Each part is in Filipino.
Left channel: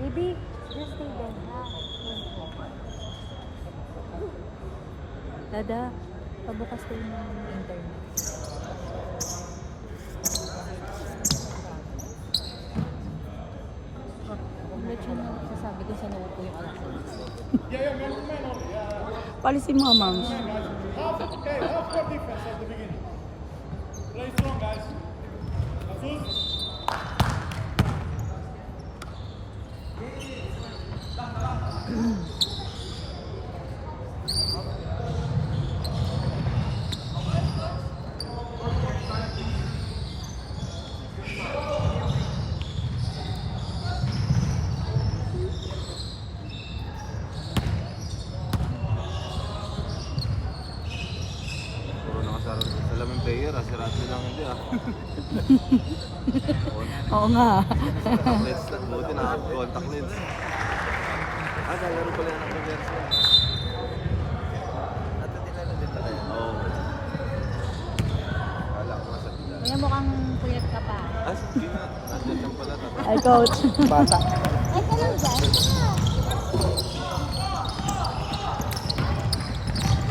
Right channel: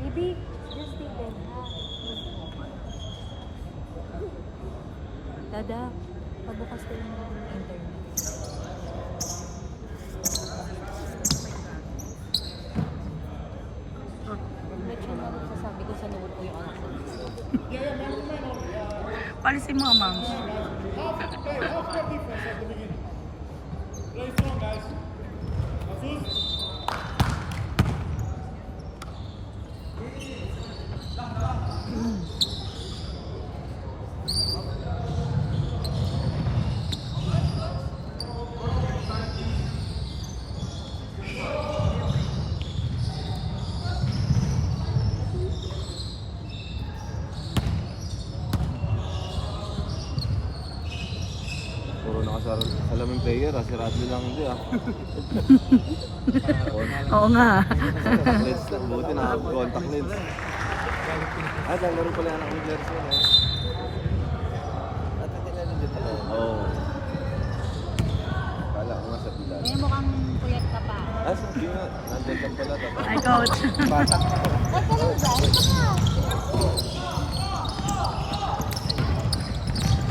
Baby, just stay there. Dada, pagbukas ko yung internet. Sasabi ko sa note ko yung Palisin mo, ma'am. Half defense at the beginning. Play strong, guys. Jesus. Salaming player, asirado lang hindi Oo nga. Let's not go din ako. Contact lens. Laro pala ng lens. Oo. Kaya mukhang kulit ka pa. Sige nga. Ay, coach. Bata.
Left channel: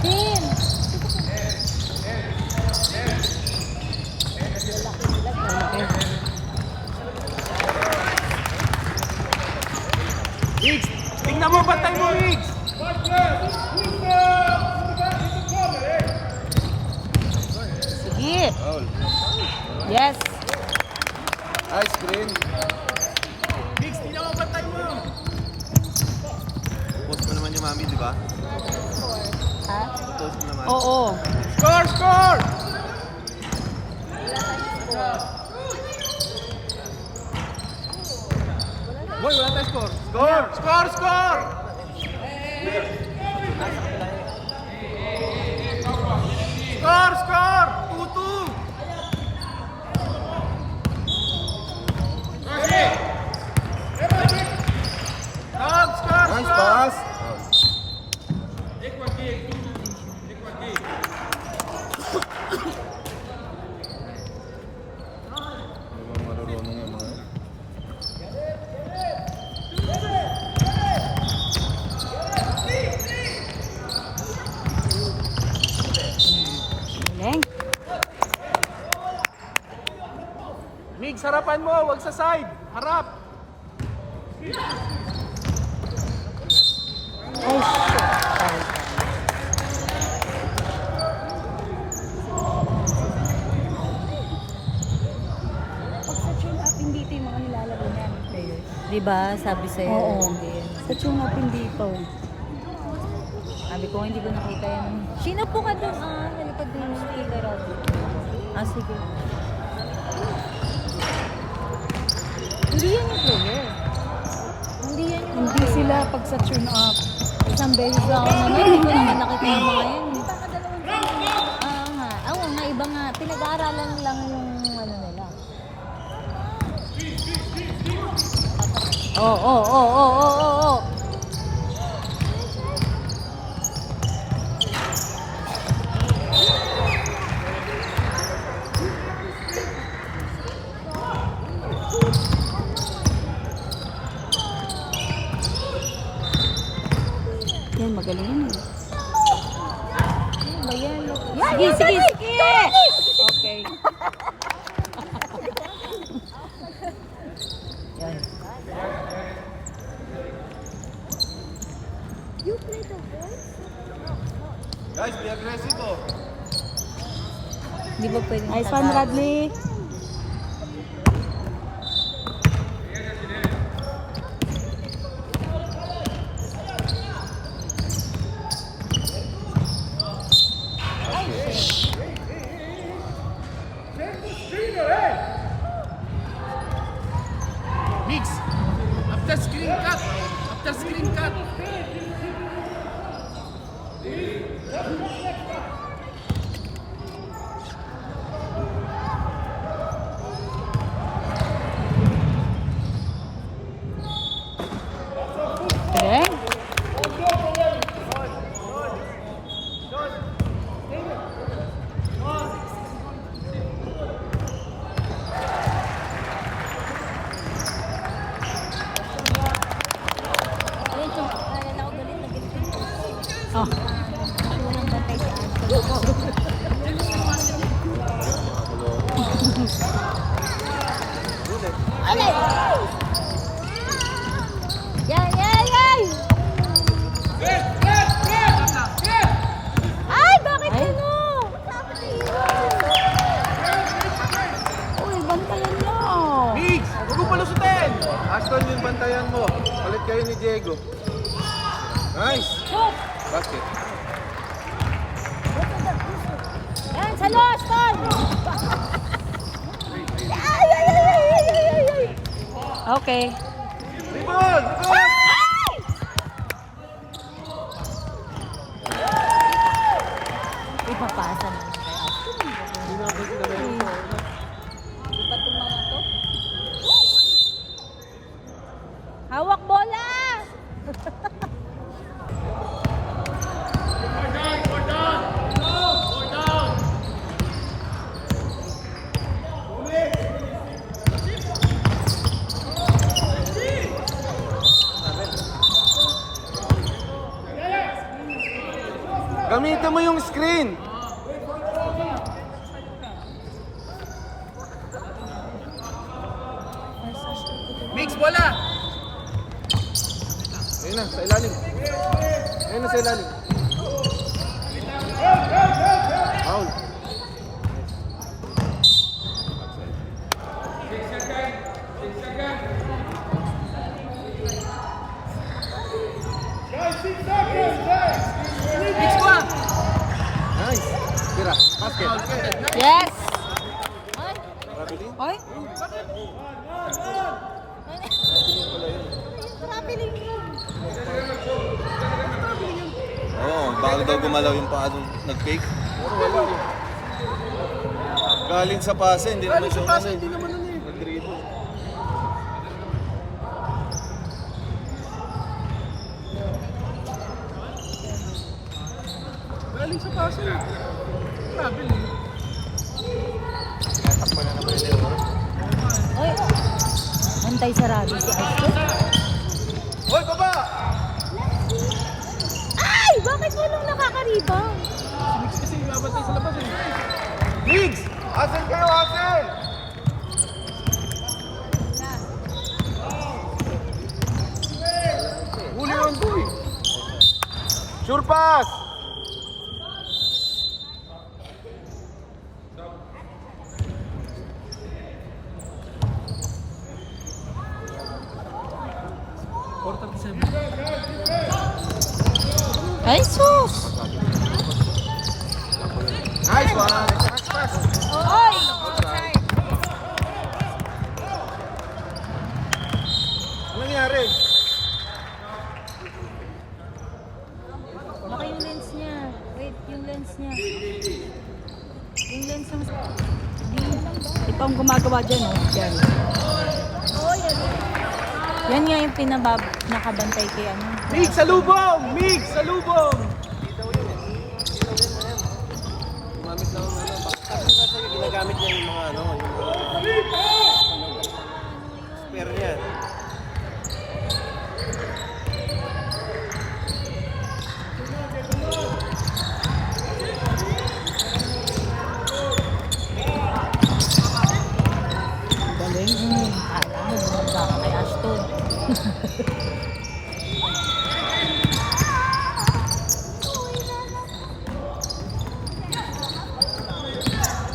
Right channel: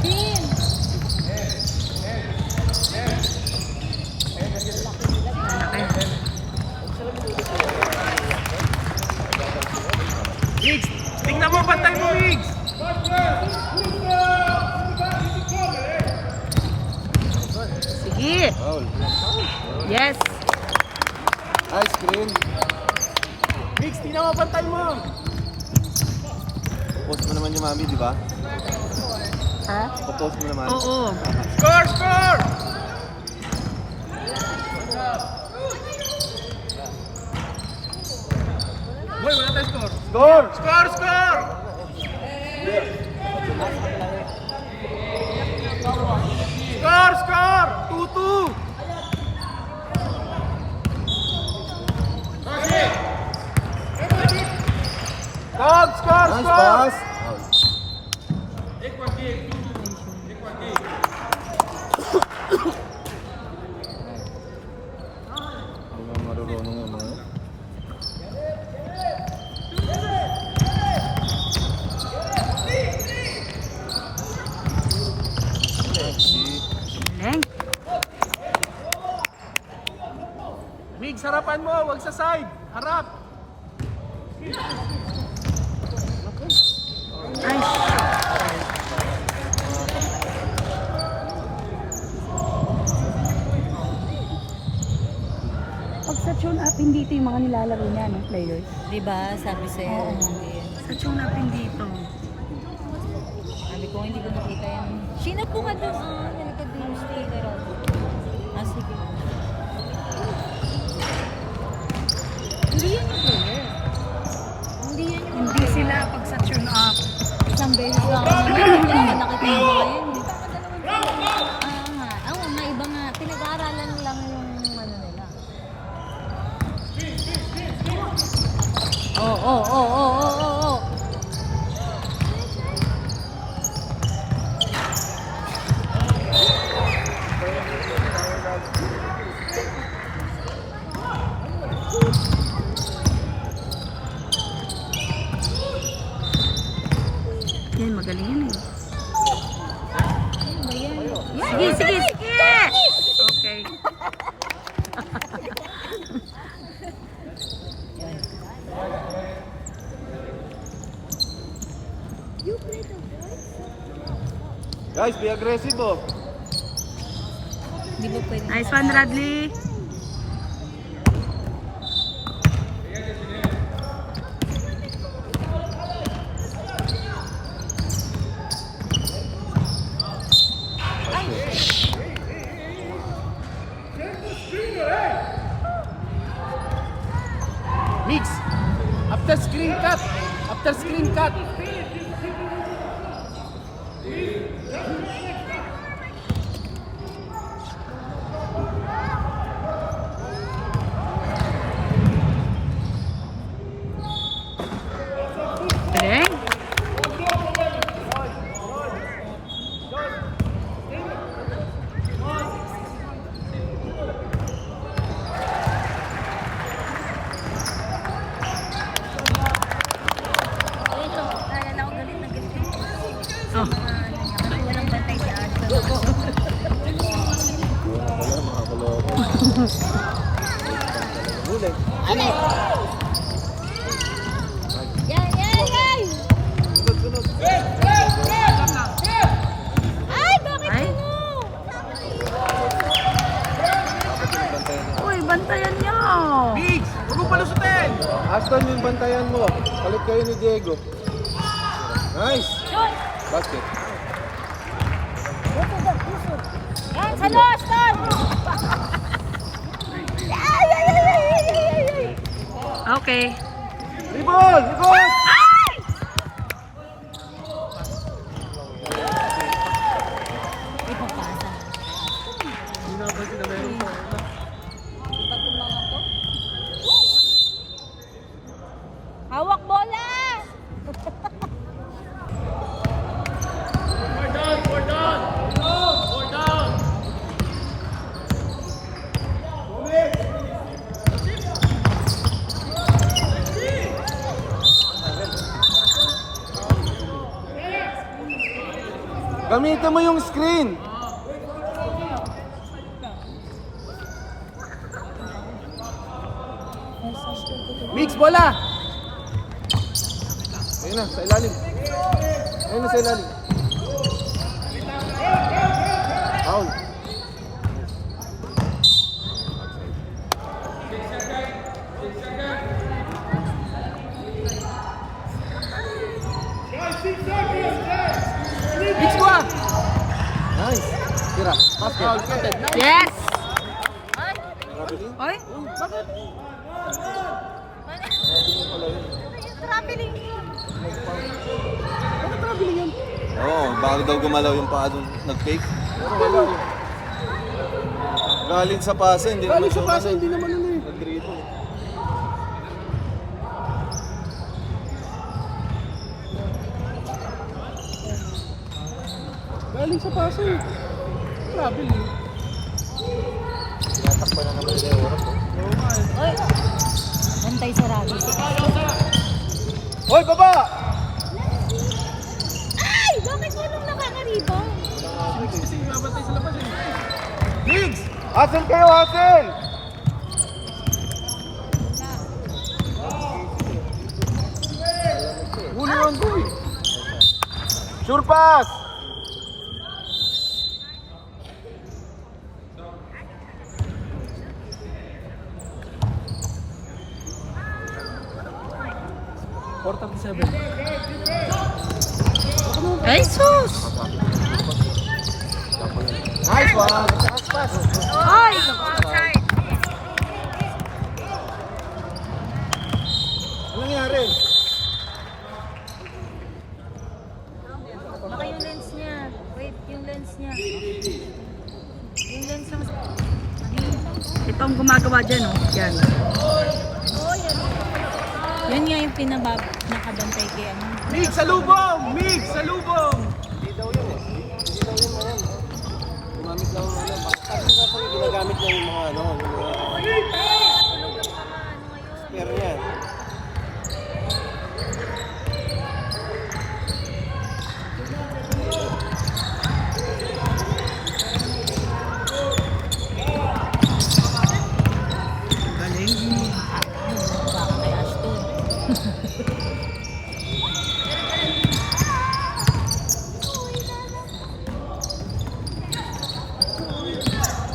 Team! Higgs! Tingnan mo, bantay mo, Higgs! Sige. Foul. Yes. Nice screen. Higgs, tingnan mo, bantay mo! Post mo naman yung mami, di ba? Ha? Post mo naman. Oo. Score, score! Boy, wala tayong score. Score! Score, score! Score, score! 2-2! Dog, score, Nice score! pass. Mga marunong yung mga. Leng. Higgs, harapan mo, wag sa side. Harap. Ay, shit. Pag sa tune up, hindi ito yung mga nilalaro niya, ng players. Diba, sabi sa'yo. Oo. Sa tune up, hindi ito. Sabi ko, hindi ko nakita yan. Sino po ka doon? Nalikod doon yung speaker. Sige. Hindi yan yung player. Hindi yan yung Hindi sila pag sa tune up. isang beses lang ako nakita mo ngayon. Oo nga, iba nga. Pinag-aaralan lang yung ano nila. Oo. Yan, magaling yan eh. Ano ba yan? Sige. Okay. Guys, be aggressive oh. Di ba pwede? Nice one, Radley. Mix. After screen cut. After screen cut. Galing. Oh. Yan, yan, yan! Ay, bakit Ay. ano? Uy, bantayan niyo. Mix. Huwag mo palusutin. Ashton, yung bantayan mo. Palit kayo ni Diego. Nice! Basket. Yan, sa lost, Ton! Ay, ay, ay, ay, ay, ay, ay. Okay. Goal! Goal! Ay! Ipapasa na. Hawak bola! Gamitin mo yung screen! Mix, bola. Ayun na, sa ilalim. Ayun na sa ilalim. Foul. Mix, bola. Nice! Tira, basket. Yes. Rapili? Oy. Oo, bakit daw gumalaw yung paa nung nag-fake? Pero wala eh. Galing sa pasa, hindi naman siya umano. Hindi naman ano eh. Nag-dribble. Galing sa paso eh. Grabe eh. Antay sa rabi. Hoy, baba! Ay! Bakit yun ang nakakariba? Mix kasi babantay sa labas eh. Mix! Asan kayo, asan? Huli yung boy. Sure pass! Ay, sus. Nice one! Ay. Outside. Ano nangyari? Baka yung lens niya. Wait, yung lens niya. Yung lens ng... Ito ang gumagawa dyan, oh. Yan. Yan nga yung nakabantay kay ano. Mix, salubong! Mix, salubong! Gumamit lang ng ano. Kasi ginagamit niya yung mga ano. Spare niya. Galing. Baka kay Ashton.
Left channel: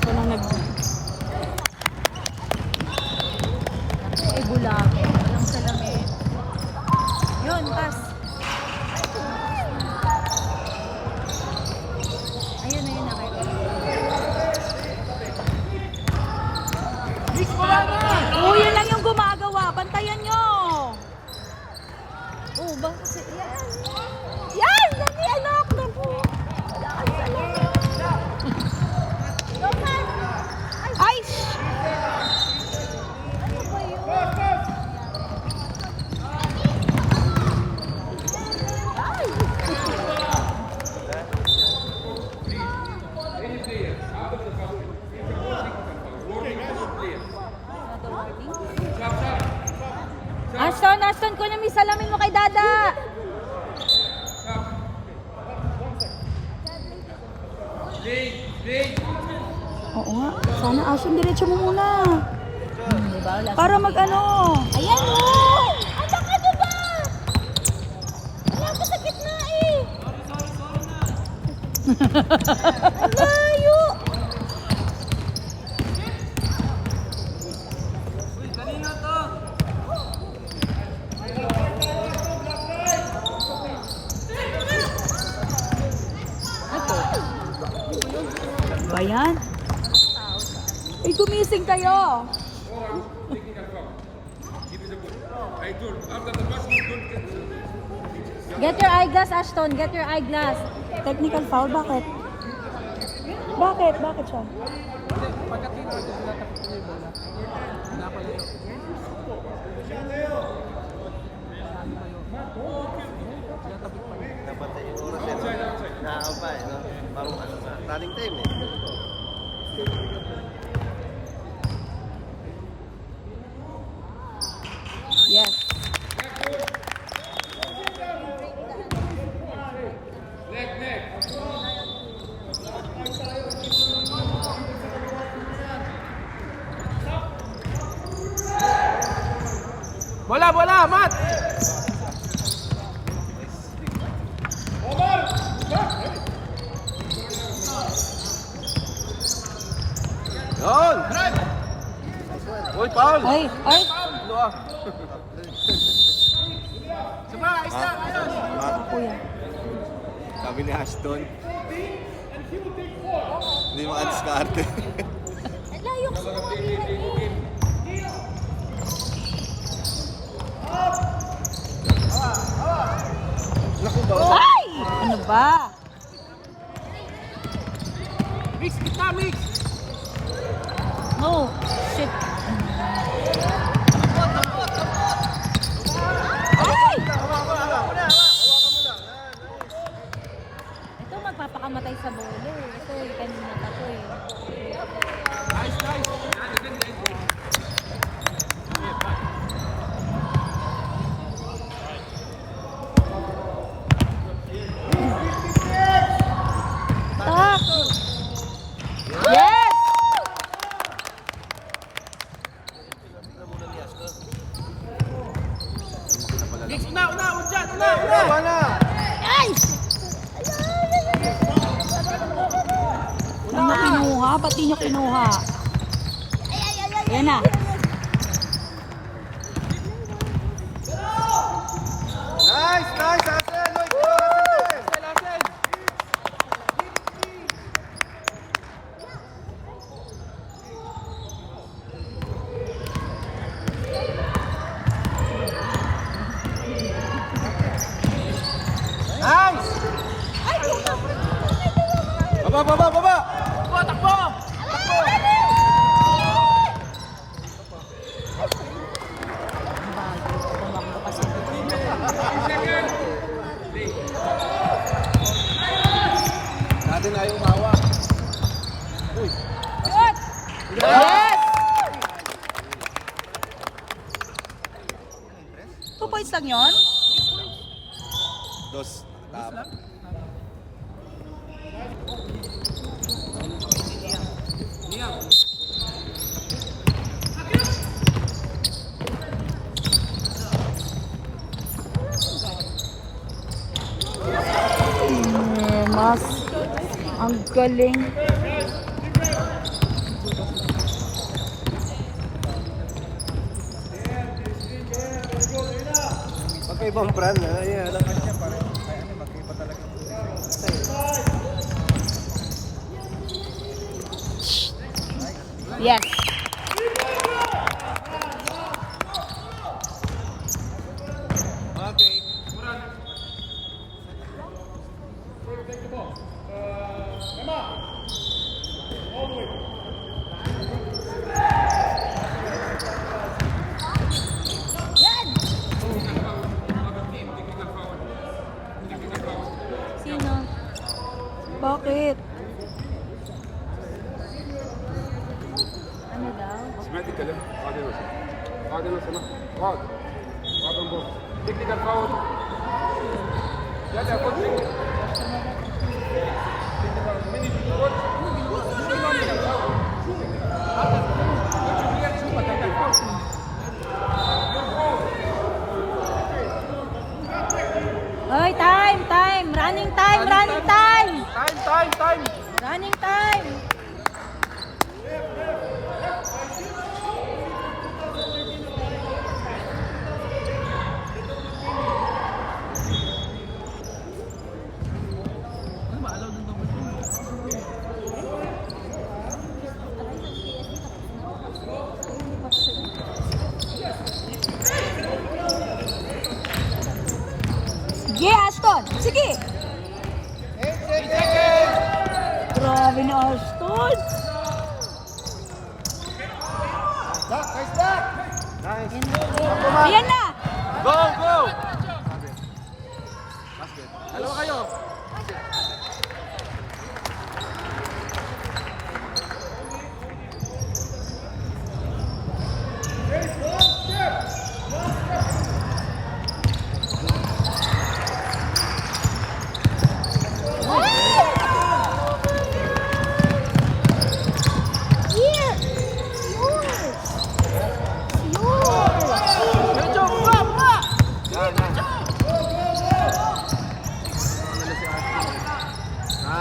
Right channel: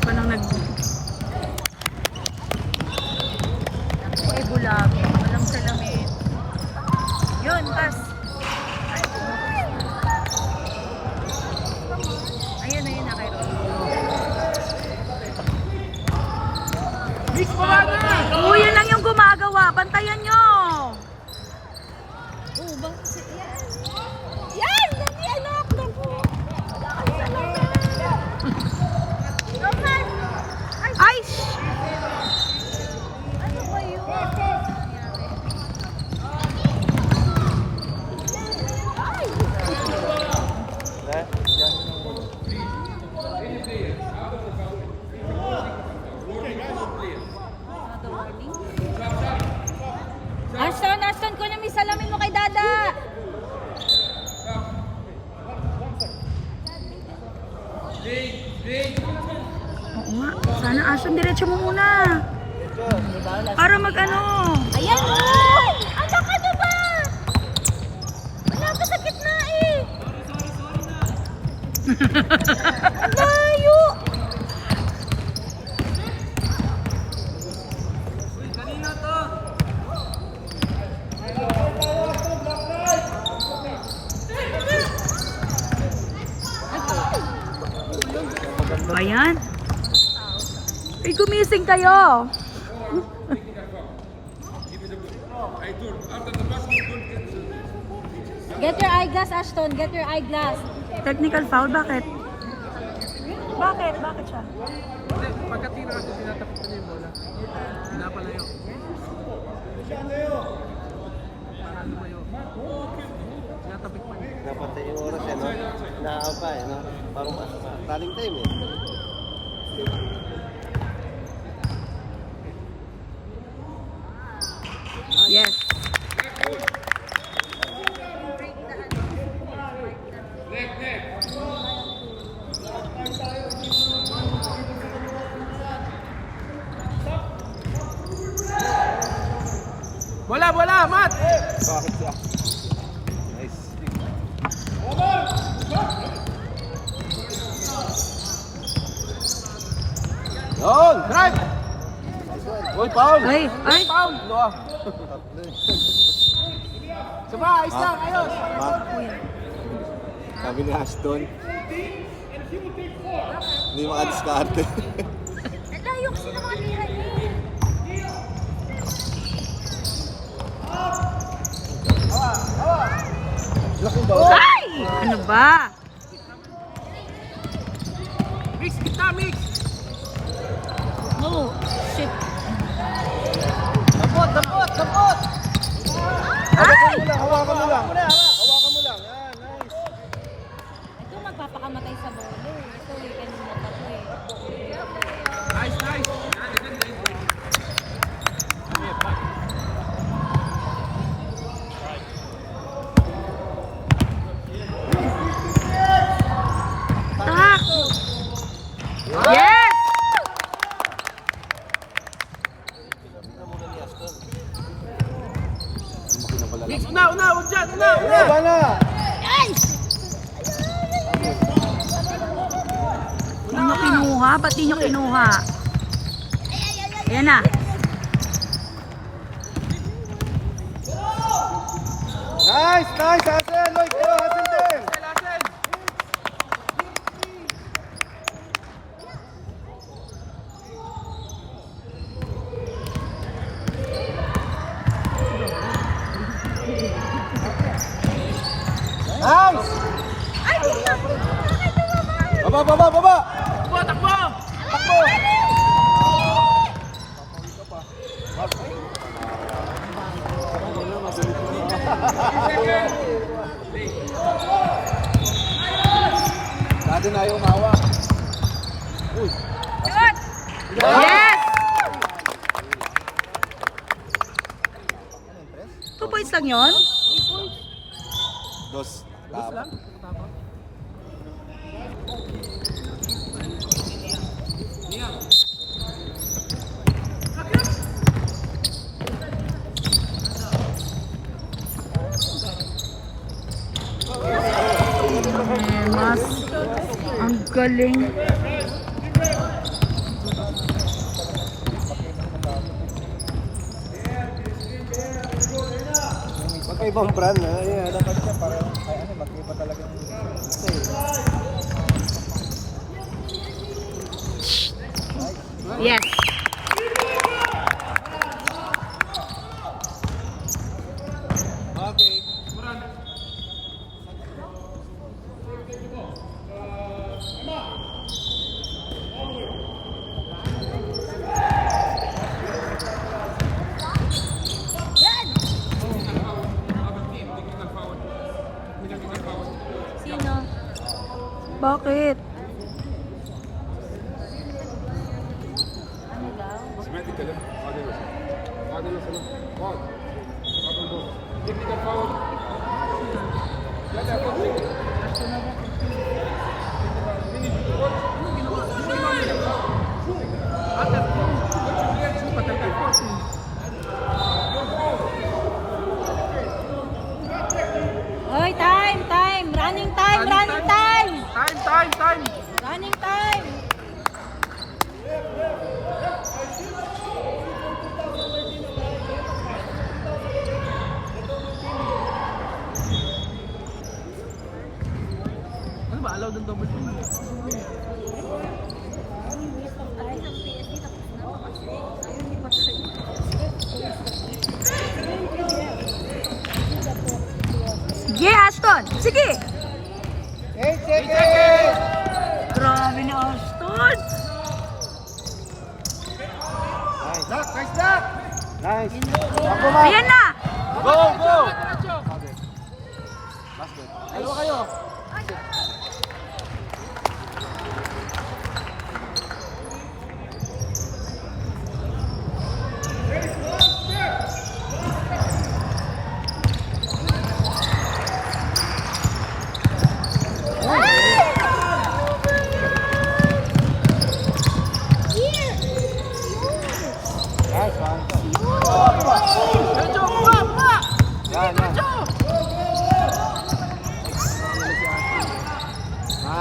Walang nag... Ibula. salamin mo kay Dada. Oo nga. Sana Ashton, diretso mo muna. Para mag-ano. Ayan mo! Ano ka na ba? Nakasakit na eh. Layo! Kanina to. Ba yan? Ay, gumising kayo. Get your eyeglass, Ashton. Get your eyeglass. Technical foul, bakit? Bakit? Bakit siya? Pagka tinawag, tinatapos ko yung bola. Pinapalayo. Tinatapos pa yun. Nakakal pa eh. Running time eh. Yes. Bola, bola, Mat! Yun! Drive! Uy, Paul! Ay, ay. Foul! Ano? Saba, ayos lang, ayos! Kuya. Sabi ni Ashton. Hindi makadiskarte. Layo kasi naman yun. Naku ba? Ay! Ano ba? Mix, kita, mix! Oh, shit. Dapot, dapot, dapot! Ay! Ito magpapakamatay sa bulo. Ito eh, kanina ako eh. Nice, nice! Yan, ganda yun. Tak! Yes! Mix, una, una, dyan, una, una! Hindi nyo kinuha? Ba't di nyo kinuha? Ayan na. Nice! Nice! Hassel! Lloyd! Go! Hassel! Lasen! Nice! Baba! Baba! Baba! Takbo, takbo! Dati na yung mawa. Uy! Yes! 2 points lang yun? Dos. Tama. Liam. Mas. Ang galing. Magkaibang brand na. Ayan. Yes. Sino? Bakit? سمعت الكلام؟ قاعد هنا قاعد هنا سمع قاعد قاعد من بره Technical foul. Yeah, they're coaching. Oy, time! Running time! Time. Running time! Ano ba? Allowed ng double team? Sige, Ashton! Sige! Grabe na, Ashton! Ayan na! Go! Dalawa kayo.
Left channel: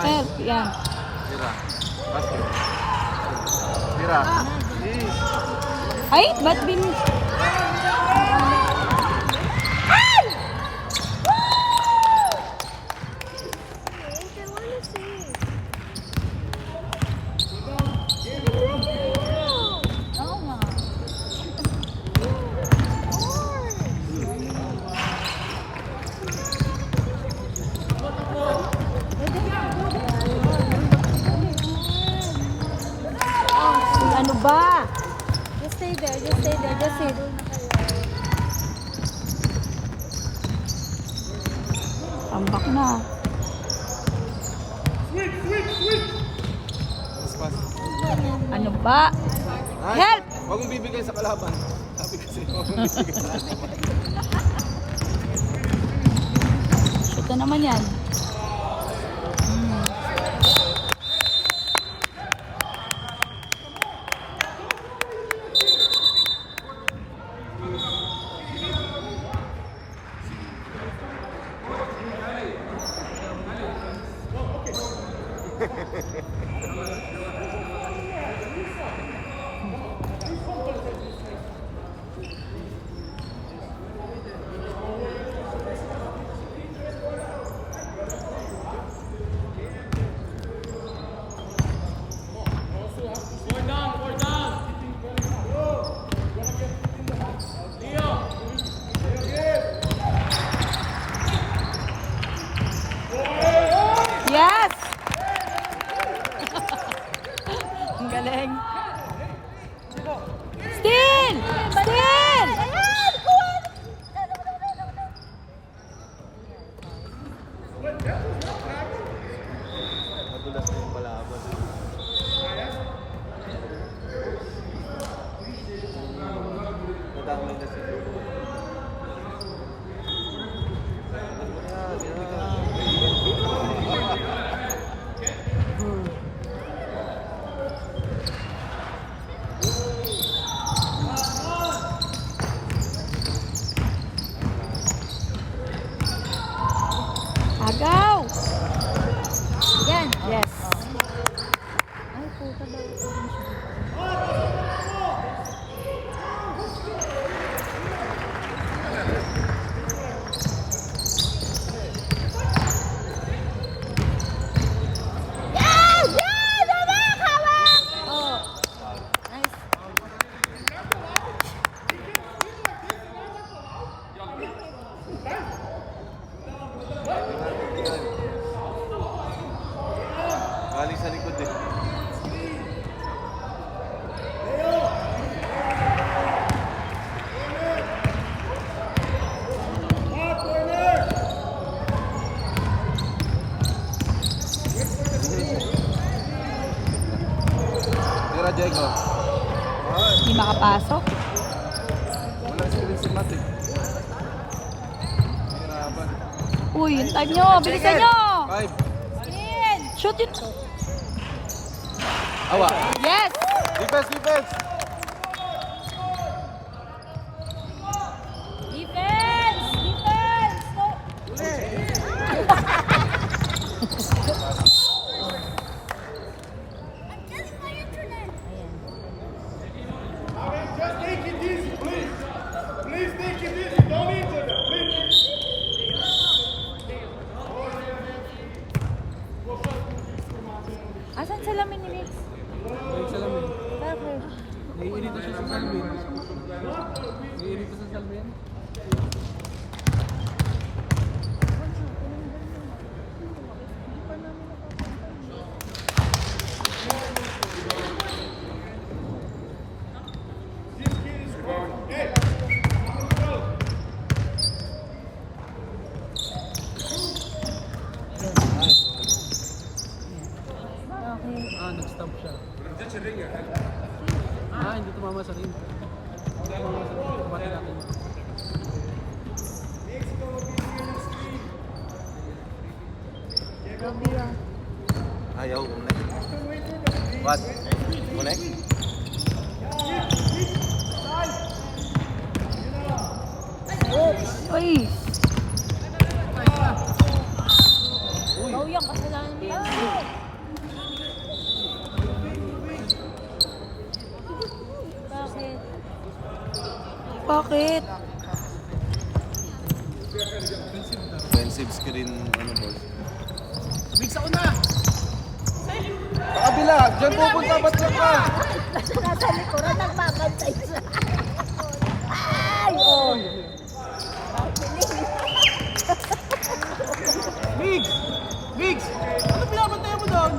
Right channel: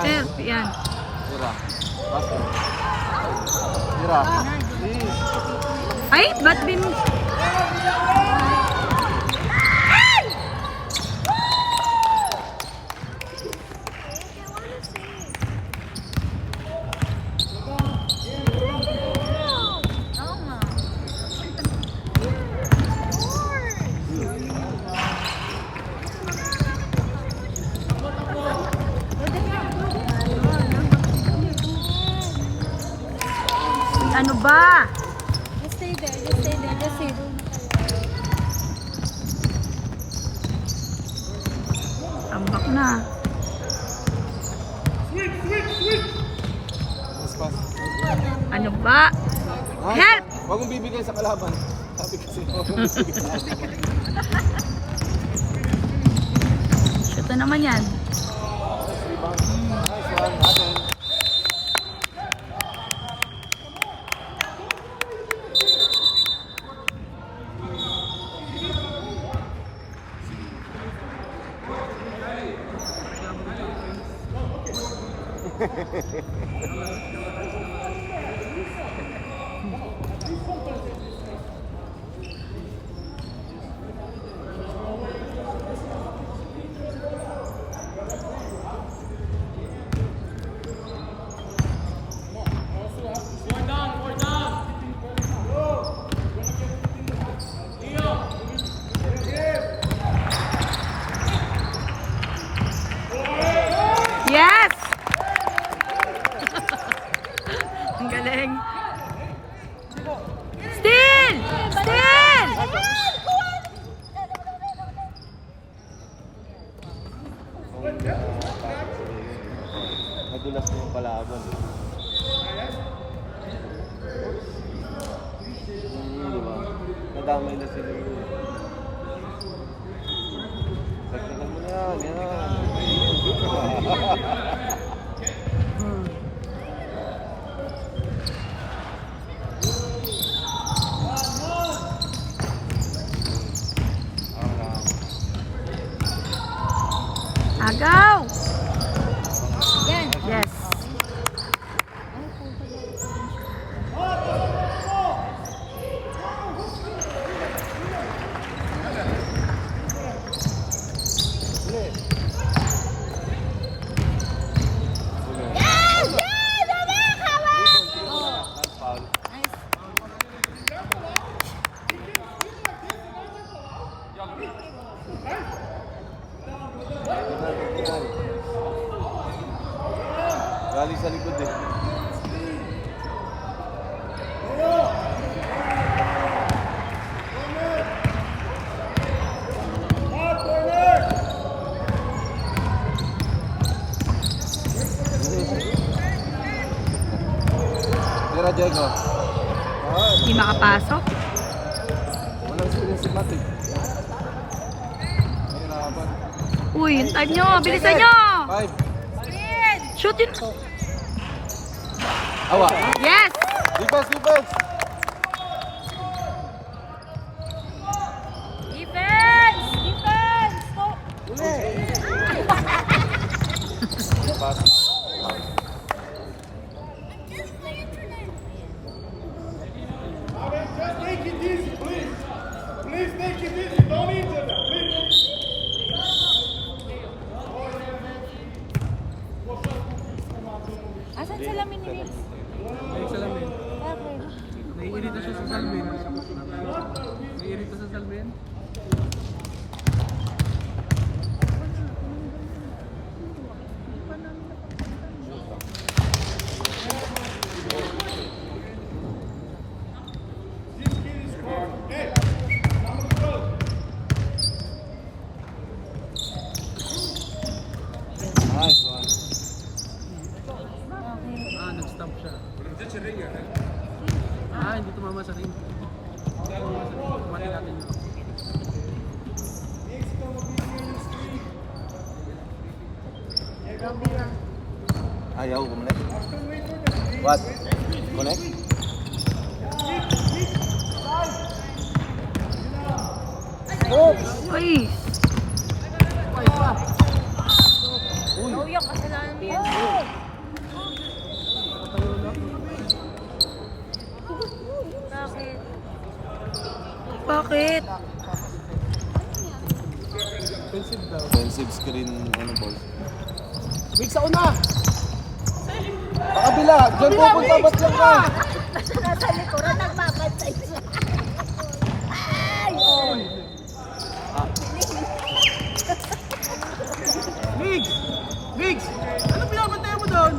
Help, yan. Tira. Basket. Tira. Please. Ay, ba't bin... Tama. Ano ba? Just stay there. Tambak na. Pass. Ano ba? Help! Huwag mong bibigay sa kalaban. Sabi kasi, huwag mong bibigay. Shoot na naman yan. Yes! Ang galing. Still! Still! Nagulas ng kalaban. Natawag na sila. Agaw! Yan. Yes. Galing sa likod eh. Tira, Diego. Hindi makapasok. Walang screen sa natin. Uy, yung time nyo. Bilisan nyo. 5. Shoot yun. Awa. Yes! Defense, defense. Alright, just take it easy, please. Please take it easy. Don't injure them, please. Asan salamin ni Mix? Naiinit na siya sa Salvin. Naiinit na sa Salvin. This kid is scoring. Hey, number 12. Nag-stump siya. Hindi tumama sa ring. Mati natin. Ayaw, connect. What? Connect? Uy. Bakit? Offensive screen, ano ball. Big sa una! Kabila! Diyan pupunta, ba't yan ka? Migs! Migs! Ano pinapantay mo doon?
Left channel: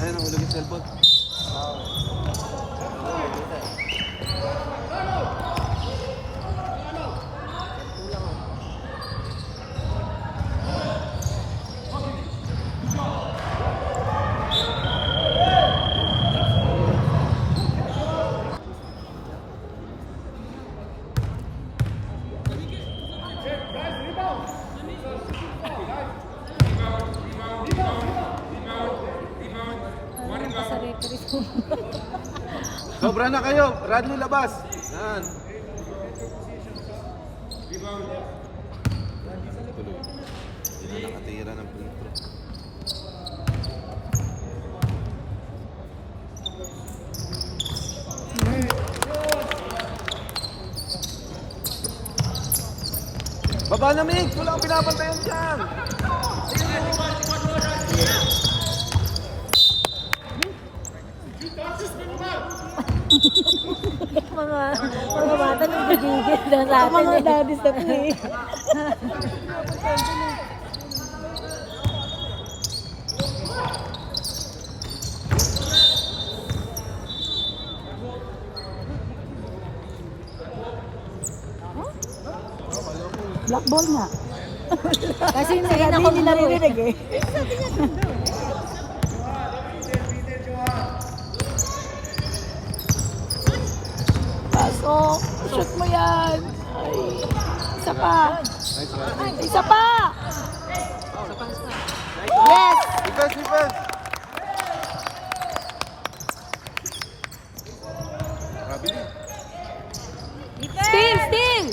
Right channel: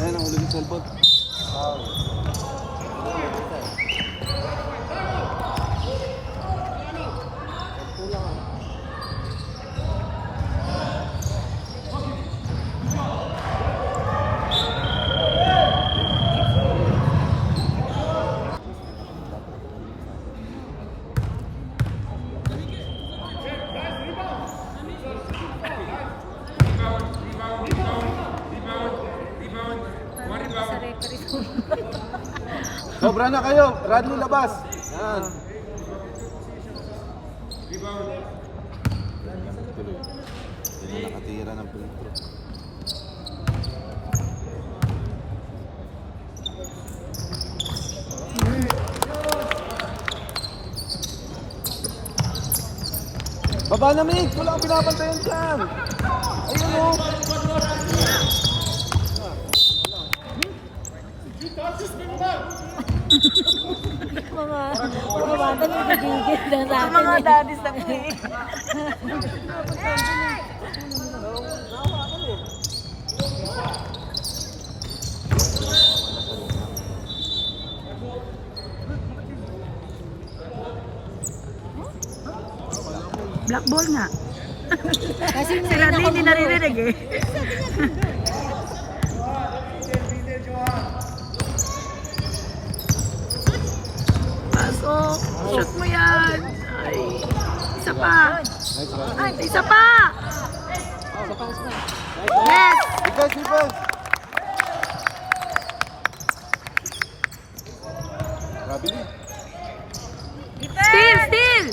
Ayan, ang ulit yung cellphone. Sobra na kayo. Radley labas. Yan. Tuloy. Hindi na nakatira ng punto. Baba na, Mig! Wala kang pinapantayan dyan! Mga daddies na play. Black ball nga. Kasi Si Radley hindi naririnig eh. Pasok. Shoot mo yan. Ay. Isa pa. Isa pa. Yes. Defense, defense! Kabili. Steal, steal.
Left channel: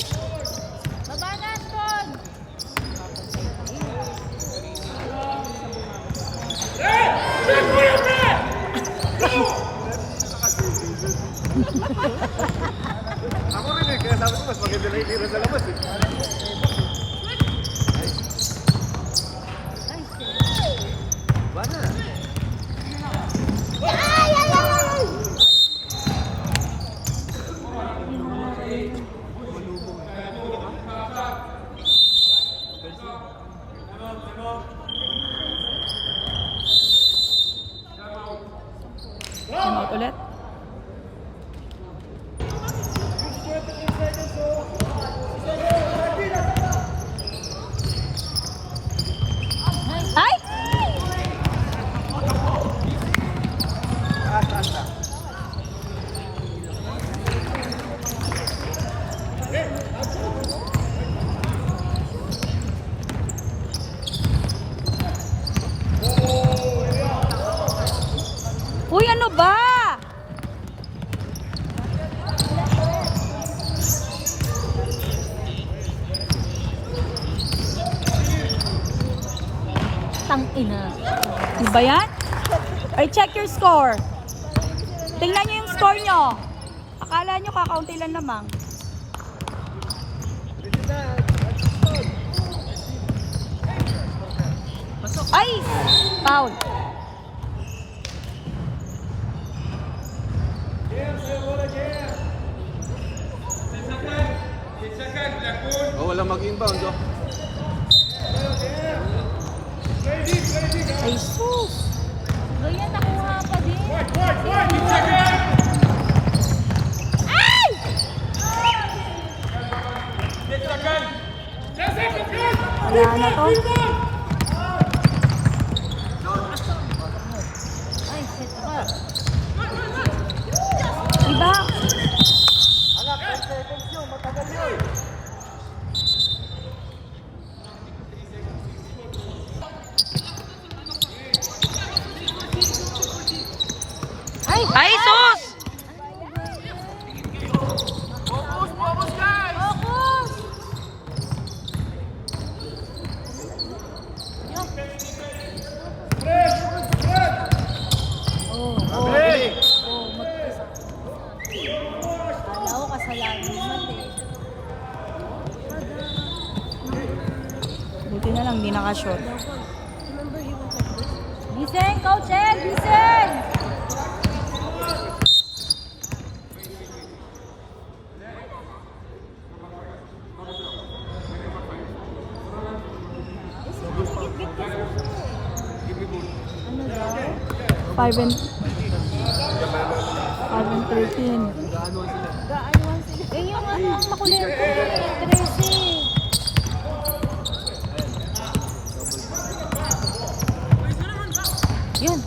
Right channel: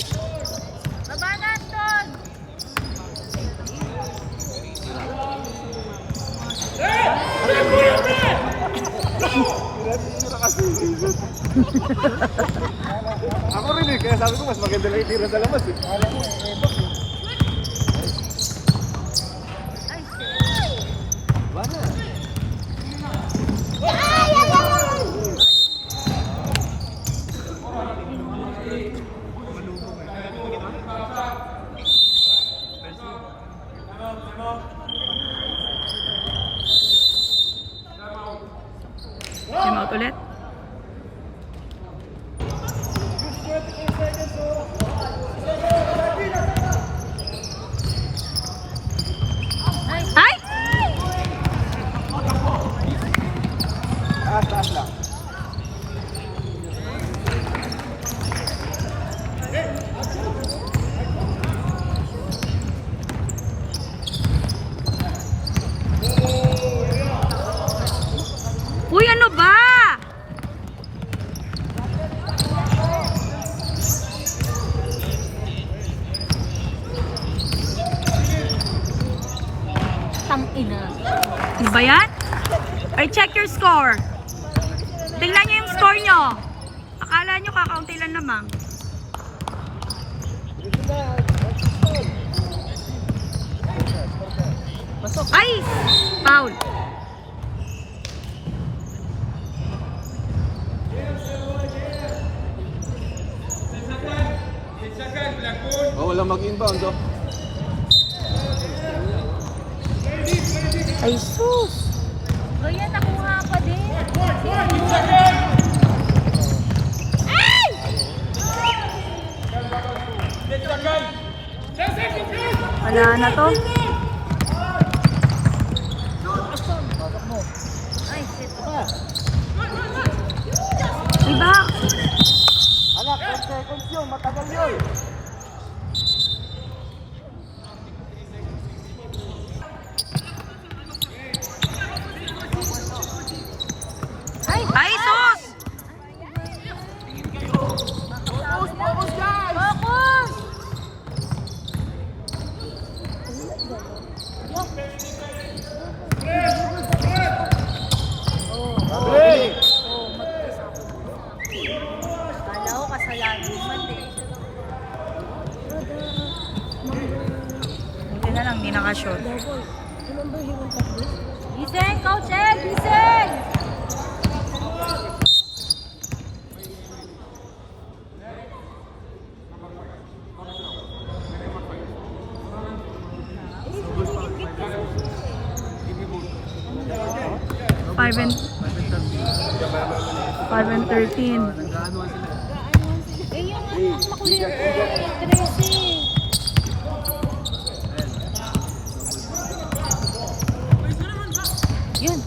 Ako rin eh, kaya sabi ko mas maganda rin tira sa labas eh. Wala. Time out ulit. Ay! ba yan? Ay, check your score. Tingnan nyo yung score nyo. Akala nyo kakaunti lang lamang. Ay! Foul. Oh, wala mag-inbound, oh. Ay, sus. Ayan, nakuha pa din. Wala na to. Iba. Ay, sus! Buti na lang, di nakashot. Gising, Coach Ed, gising! Five and 13. Eh, yung makulit. Tracy. Yun.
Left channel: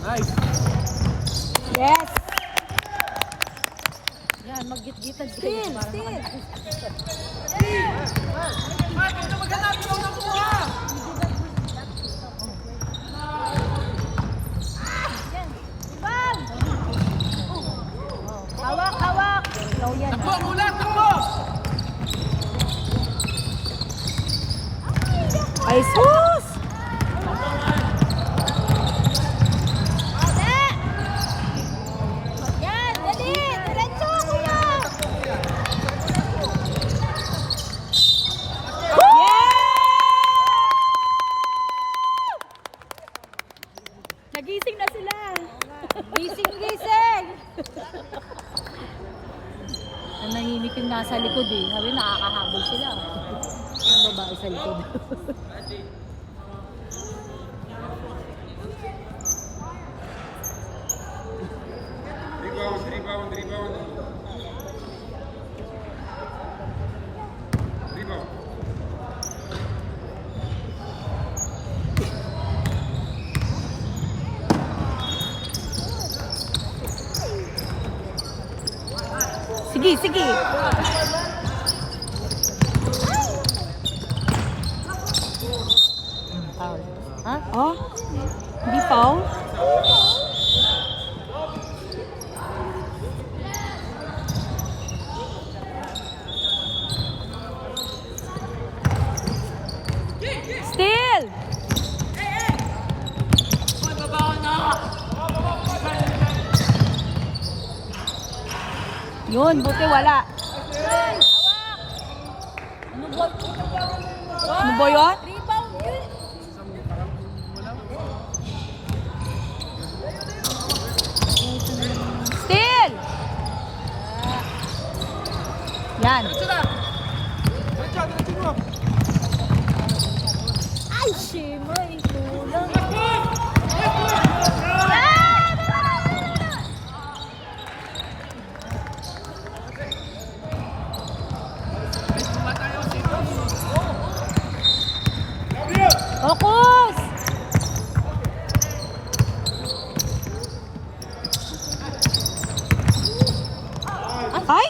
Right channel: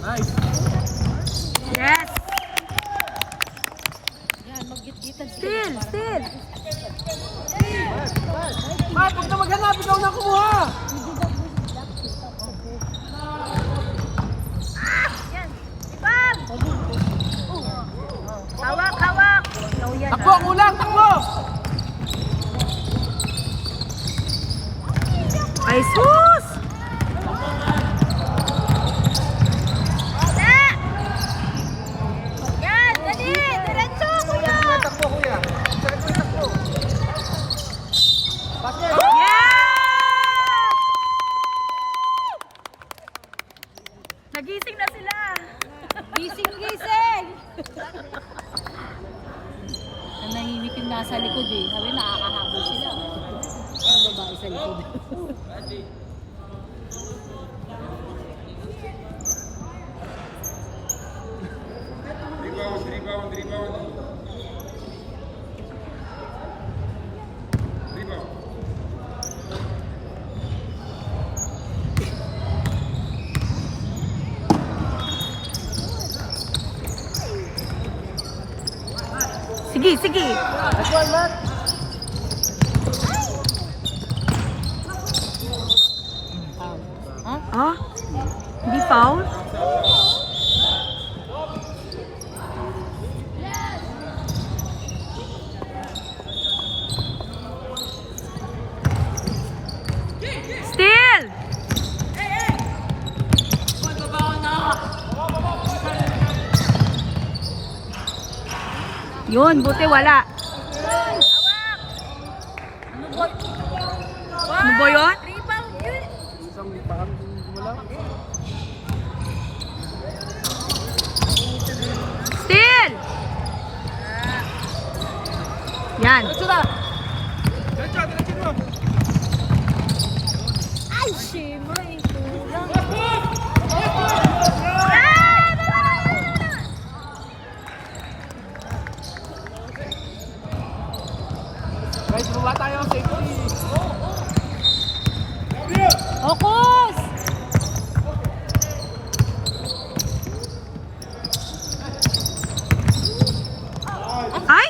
Yes! Yan, mag-git-gitan. Still, still. Hawak, hawak. Takbo, kulang, takbo! Ay, sus! Yan, dali. Diretso, kuya. Yes! Nagising na sila. Gising, gising. Nanahimik yung nasa likod eh. Sabi, nakakahabol sila. Ang babae sa likod. Sige, sige. Ha? Ah? Hindi foul? Still! Yun, buti wala. Ano ba yun? Rebound yun. Still! Yan. Ay, shima. Focus! Ay!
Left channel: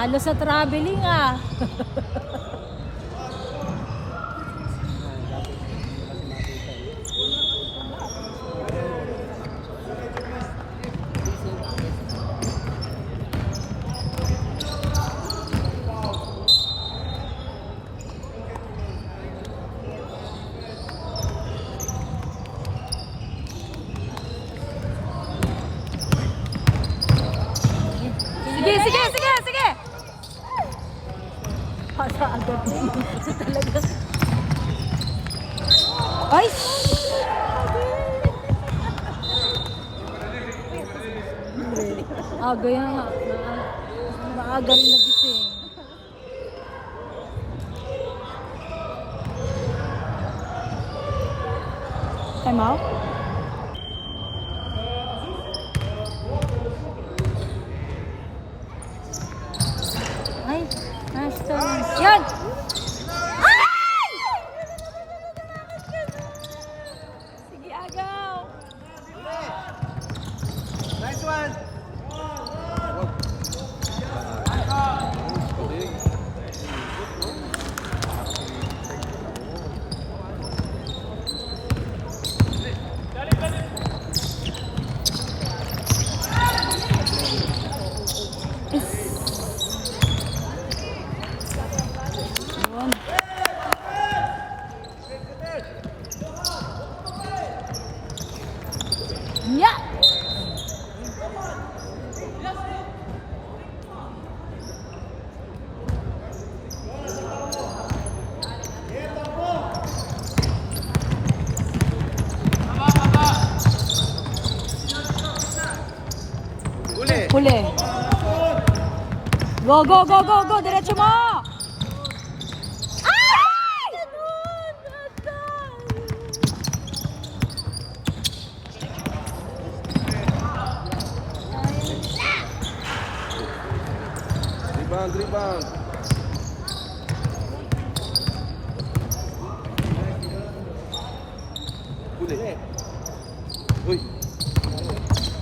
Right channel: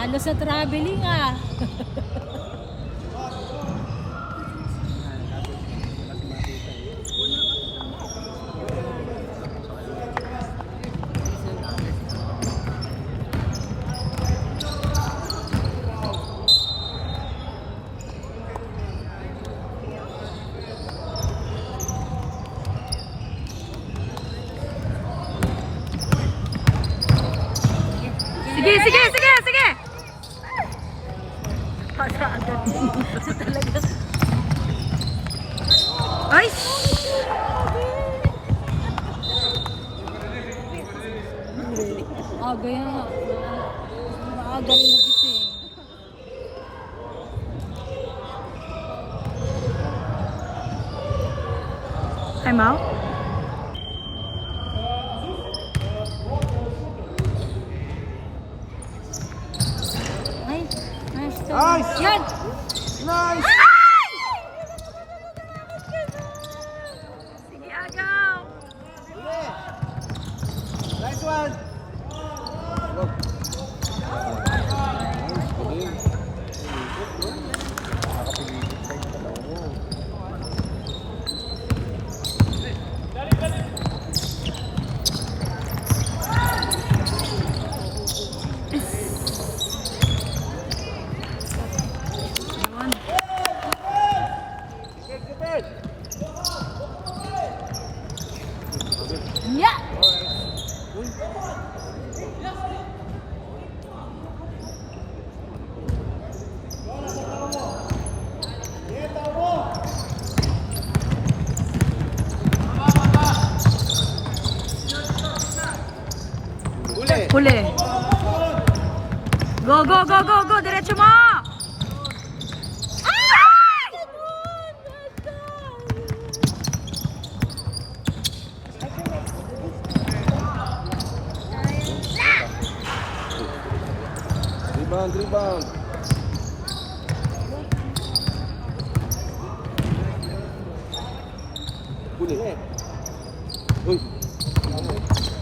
Talo sa traveling ah. Sige, sige, sige, sige! Ay! Shhh! Aga yan. Aga rin nagising. Time out? Ay, nice to. Yan! Sige, agaw! Nice one! Yun. Yeah! Huli! Huli. Go, go, go, go, go! Diretso mo! Ay! Rebound, rebound! Huli! Uy!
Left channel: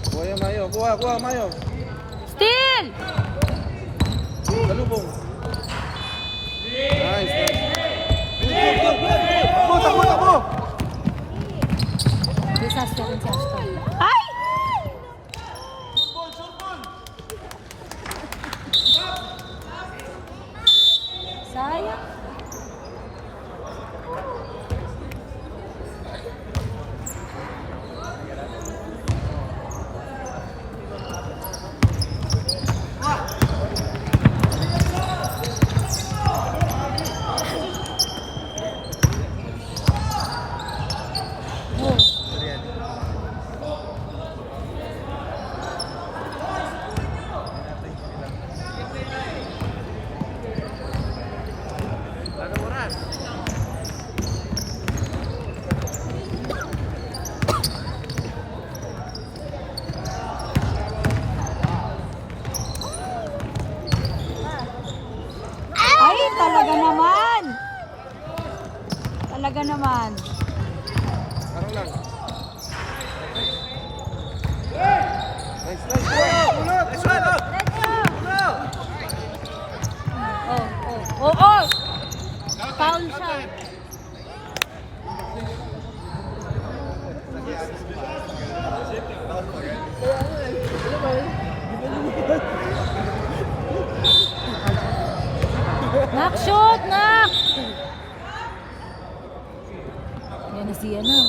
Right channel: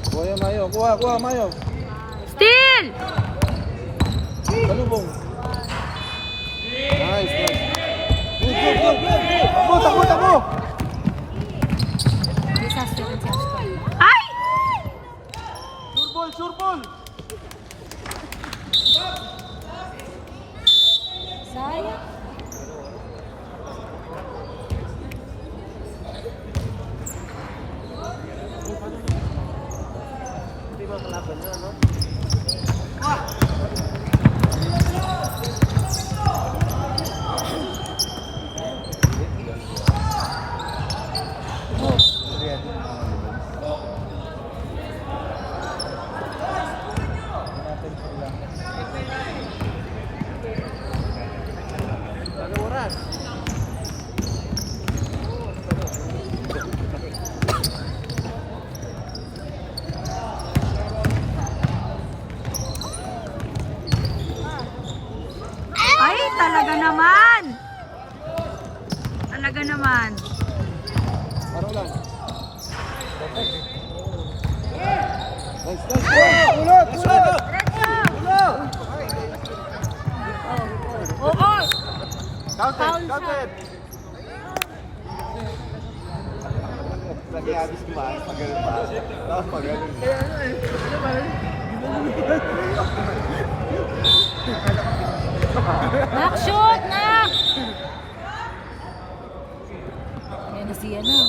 Kuha Mayo, kuha Mayo! Steal! Salubong! Nice, nice! Go, go, go, go! Disaster rin si Aston. Ay! Surbol, surbol! Sayang. Ay, talaga naman! Talaga naman. Parang lang. Nice, nice! Ulot! Nice one! Oo! Counted, counted! Nak, shoot! Nak! Ayan na siya na.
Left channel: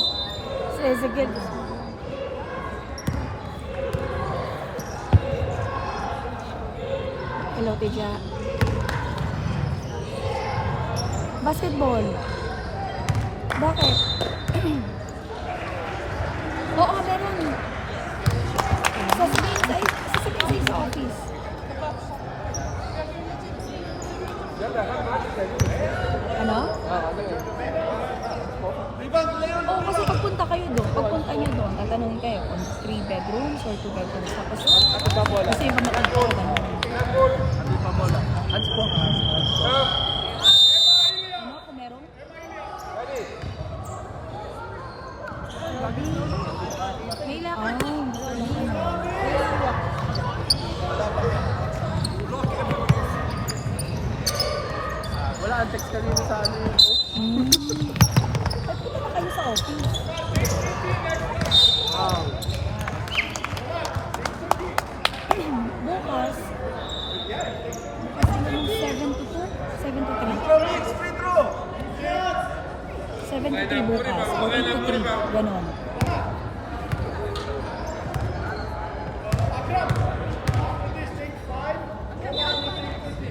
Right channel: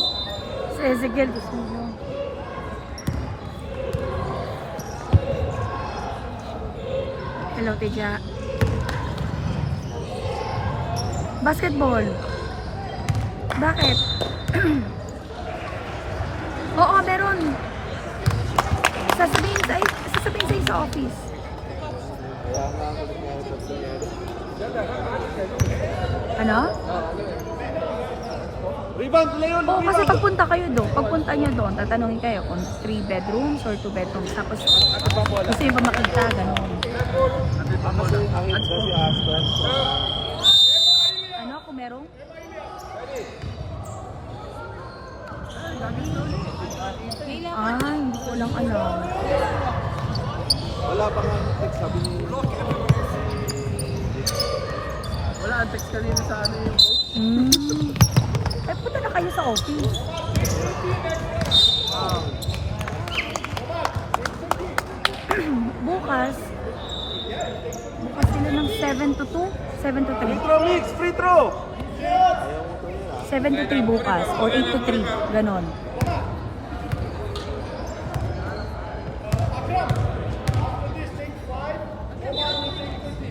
Si Ezekiel. Hello, Teja. Basketball. Bakit? Oo, meron. Sasabihin sa'yo sa office. Ano? Rebound, Leon! Oo, kasi pagpunta kayo doon, pagpunta nyo doon, tatanungin kayo kung 3 bedrooms or 2 bedrooms. Tapos, gusto nyo ba makagta, gano'n. Ano, kung merong? Ay, hindi ko lang ano. office. Bukas sila ng 7 to 2, 7 to 3. Free throw. 7 to 3 bukas, or 8 to 3, ganon.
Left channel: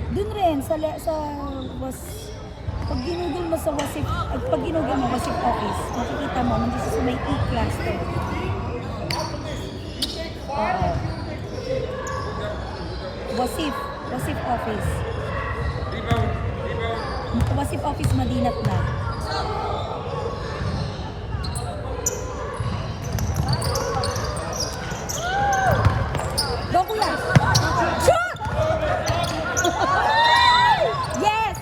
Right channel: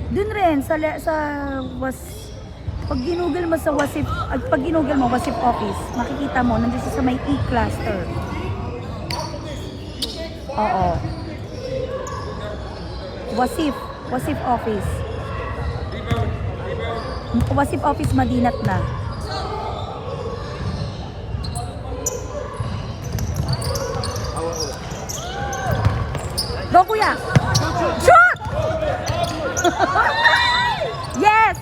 Dun rin, sa pag ginugol mo sa Wasif, pag ginugol mo Wasif office, makikita mo, nandun siya sa may E-cluster. Oo. Wasif office. Wasif office, Madinat na. Go, kuya! Shoot! Yes!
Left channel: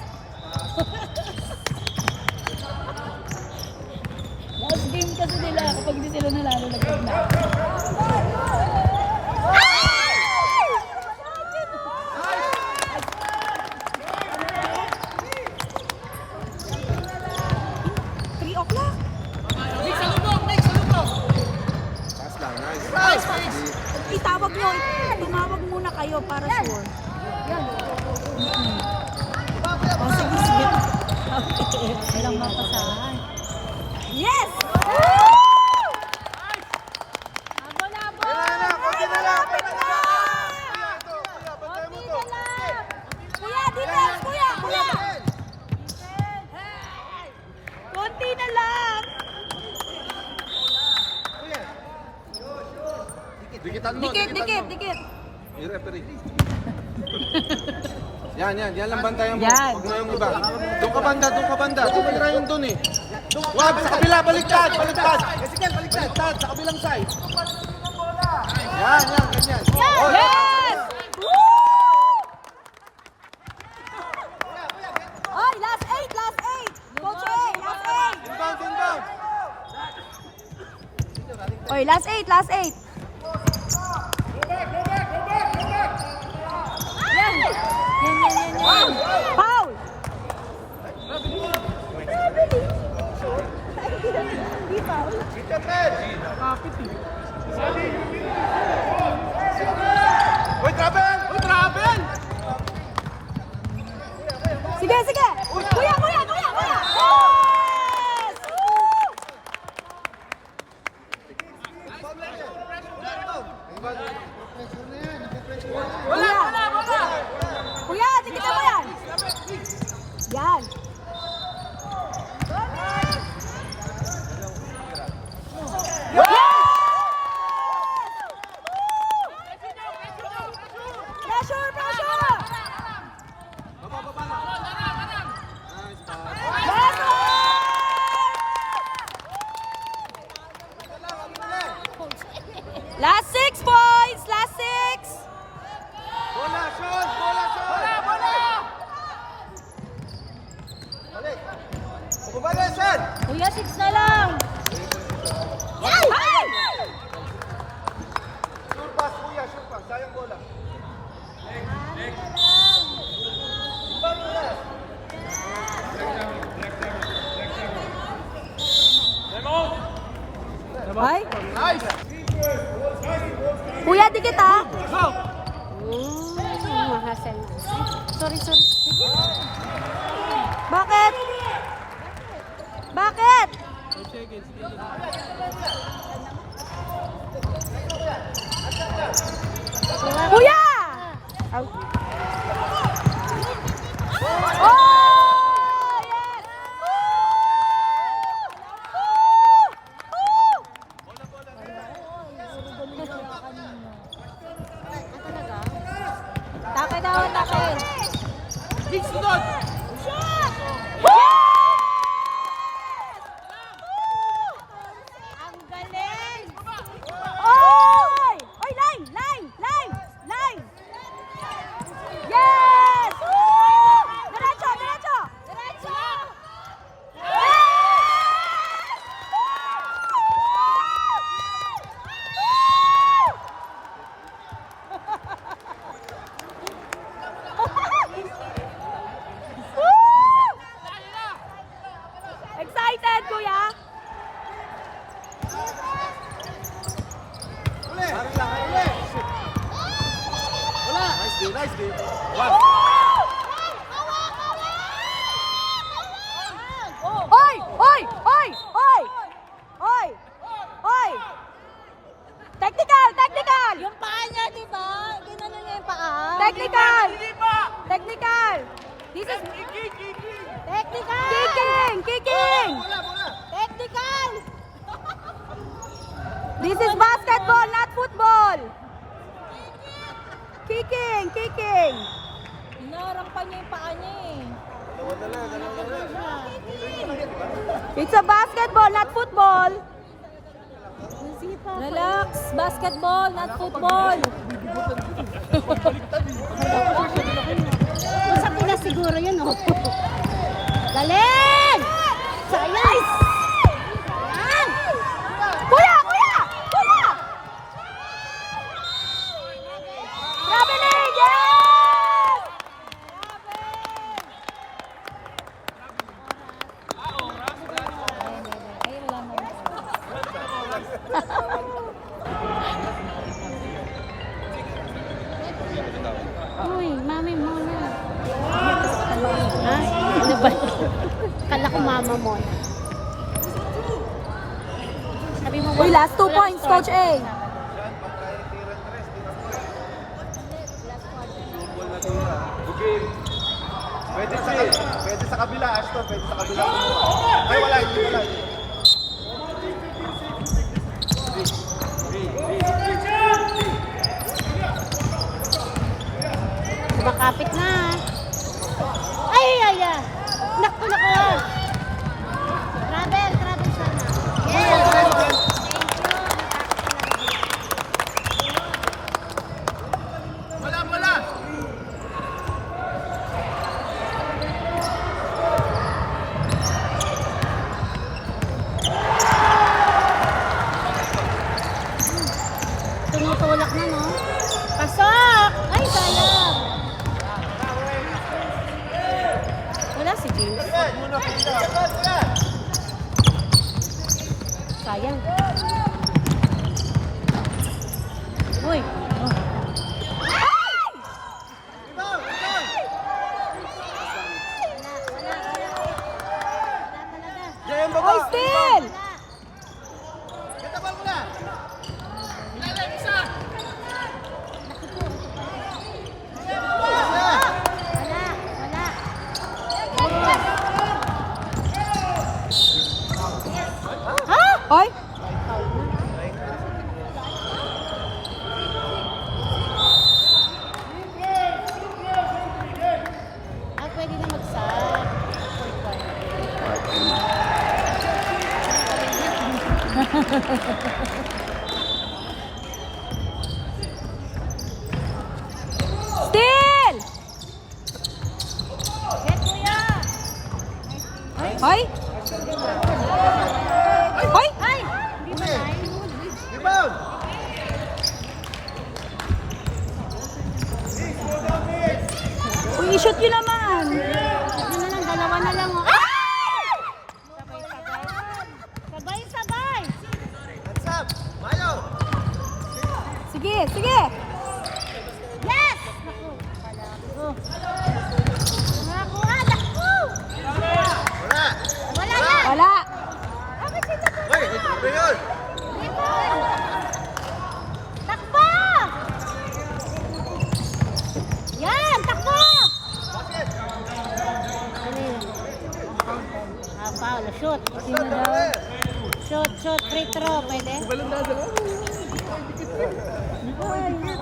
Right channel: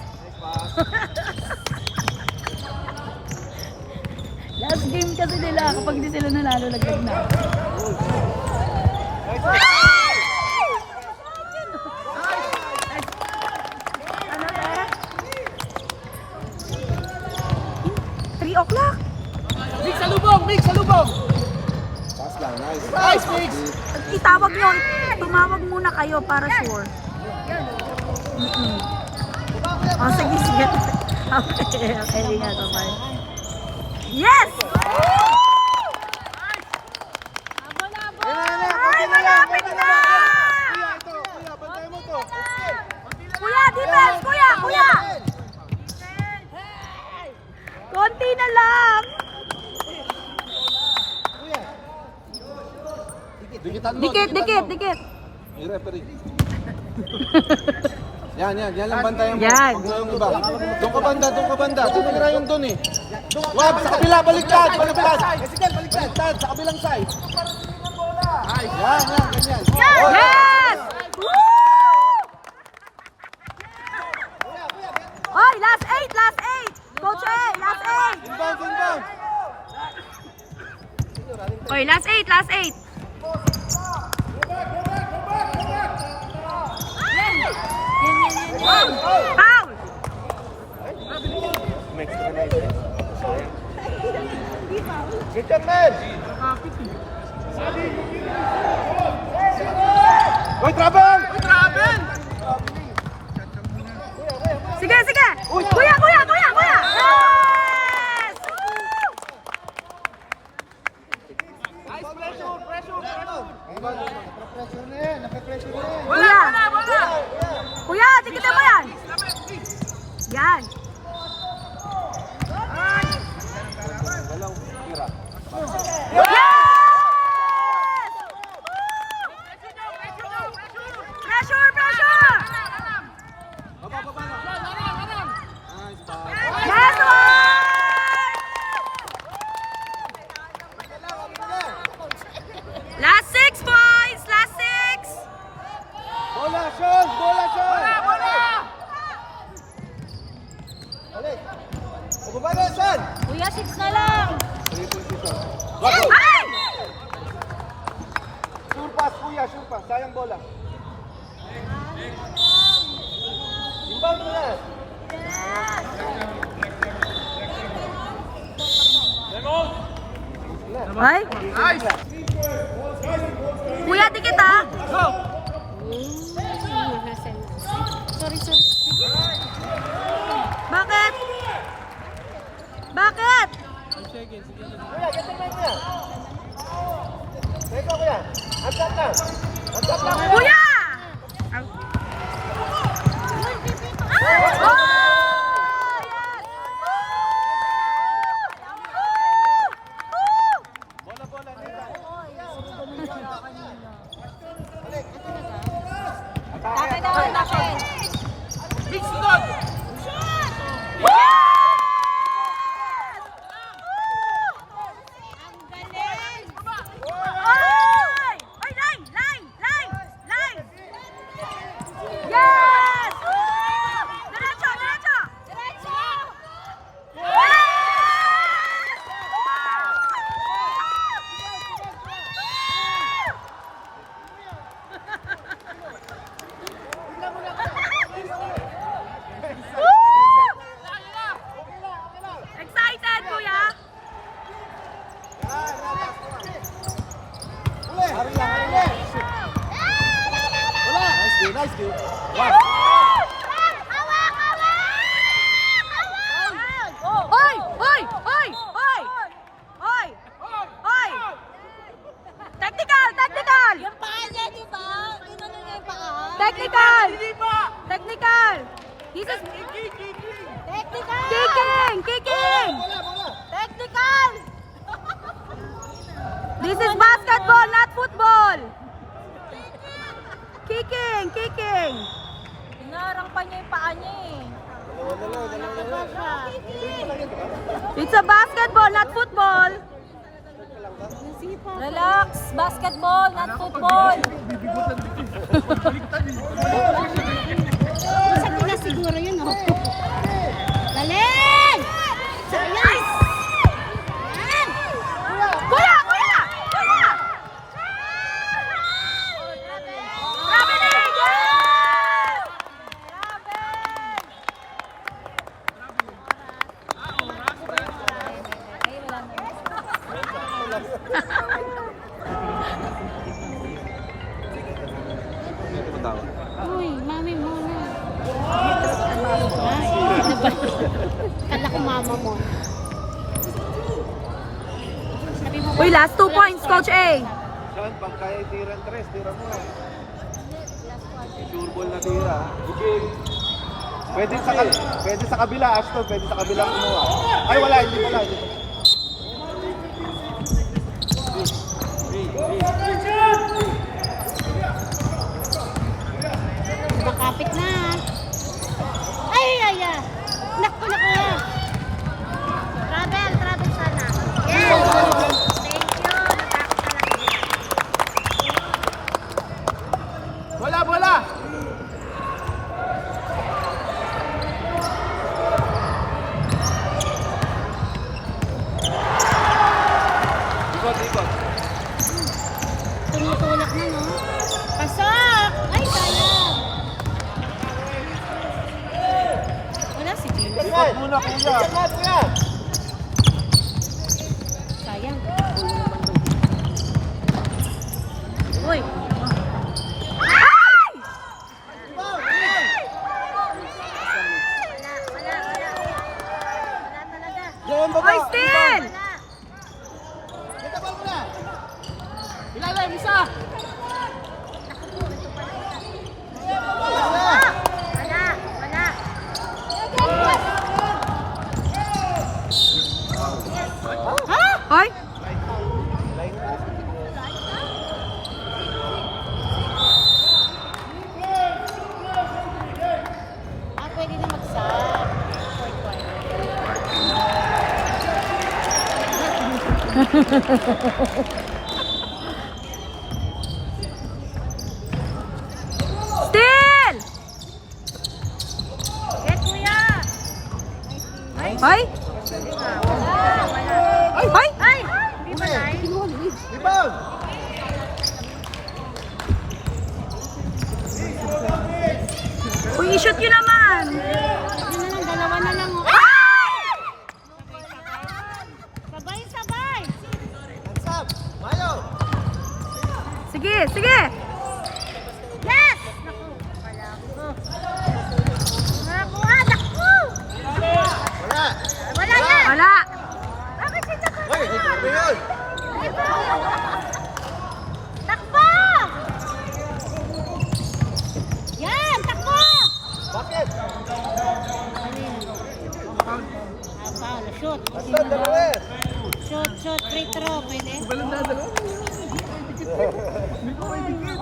Last game kasi nila, kapag di sila nanalo, lagdag na. Ano eh? 3 o'clock? Mix sa lubong! Mix sa lubong! Pass lang, nice. Nice, Mix! Itawag nyo, tumawag muna kayo para sure. Oh, sige, sige. Okay, nga to, bye. Yes! Ay, malapit na! Kuya, defense! Kuya! Kuya! Konti na lang! Dikitan mo. Dikit, dikit, dikit! May referee. Yan lang bantayan mo. Yan. Huwag na yung iba. Doon ka banda. Tumira yung doon eh. Wag, sa kabila, baliktad. Baliktad, sa kabilang side. Yan, ganyan. Oh, Yes! Woo! Oy, last 8! Coach A, last 8! Oy, last 8! Foul! Uy, travel! Sige! Kuya! Yes! Kuya, tikitin mo yan! Yan! Yes! Woo! Pressure! Last one! Last 6 points! Last 6! Bola, Sean! Bumaba na, Sean! Kuya, 6 na lang. Ay! Sure pass, kuya, sure pass. Sayang bola. Ay! Nice! Kuya, dikit ha! Sorry. Bakit? Bakit? Kuya! Oh! Yes! This is... Kicking! Kicking! This is basketball, not football. Kicking! Kicking! Inarang pa niya yung paa niya eh. It's a basketball, not football. Relax. Basketball, not football. Isa ko na siguro yun, oh. Galing! Sayang! Yan! Kuya! Kuya! Kuya! Grabe na! Yes! Uy, mami mo na. Ha? Ano ba? Kala ko mama mo. Sabi mo, Uy, last 2 points, Coach A. Pwede pwede sa kabila, Ashton, pwede sa kabila. Ay, wala, hindi wala. makapit na. Ay, ay, ay. Naku, naku. Travel sana. Yes. Thank you. Bola, bola! Tumutulak na, no? Pasok! Ay, sayang. Wala si James. Sayang. Uy. Oy, still! Ilalim, isa! Oy! Pwede na mag-sub. Still! Oy! Oy! Rebound! Uy, i-shoot yun naman! Dalawa na lang. Ay! Sabay-sabay. Hands up! Mayo! Sige, sige! Yes! Naku, anak ko! Wala! Wala na! Wala! Hoy, ito ba yun? Takbo! Yan, takbo! Paolo, shoot. Shoot, free throw. Pwede?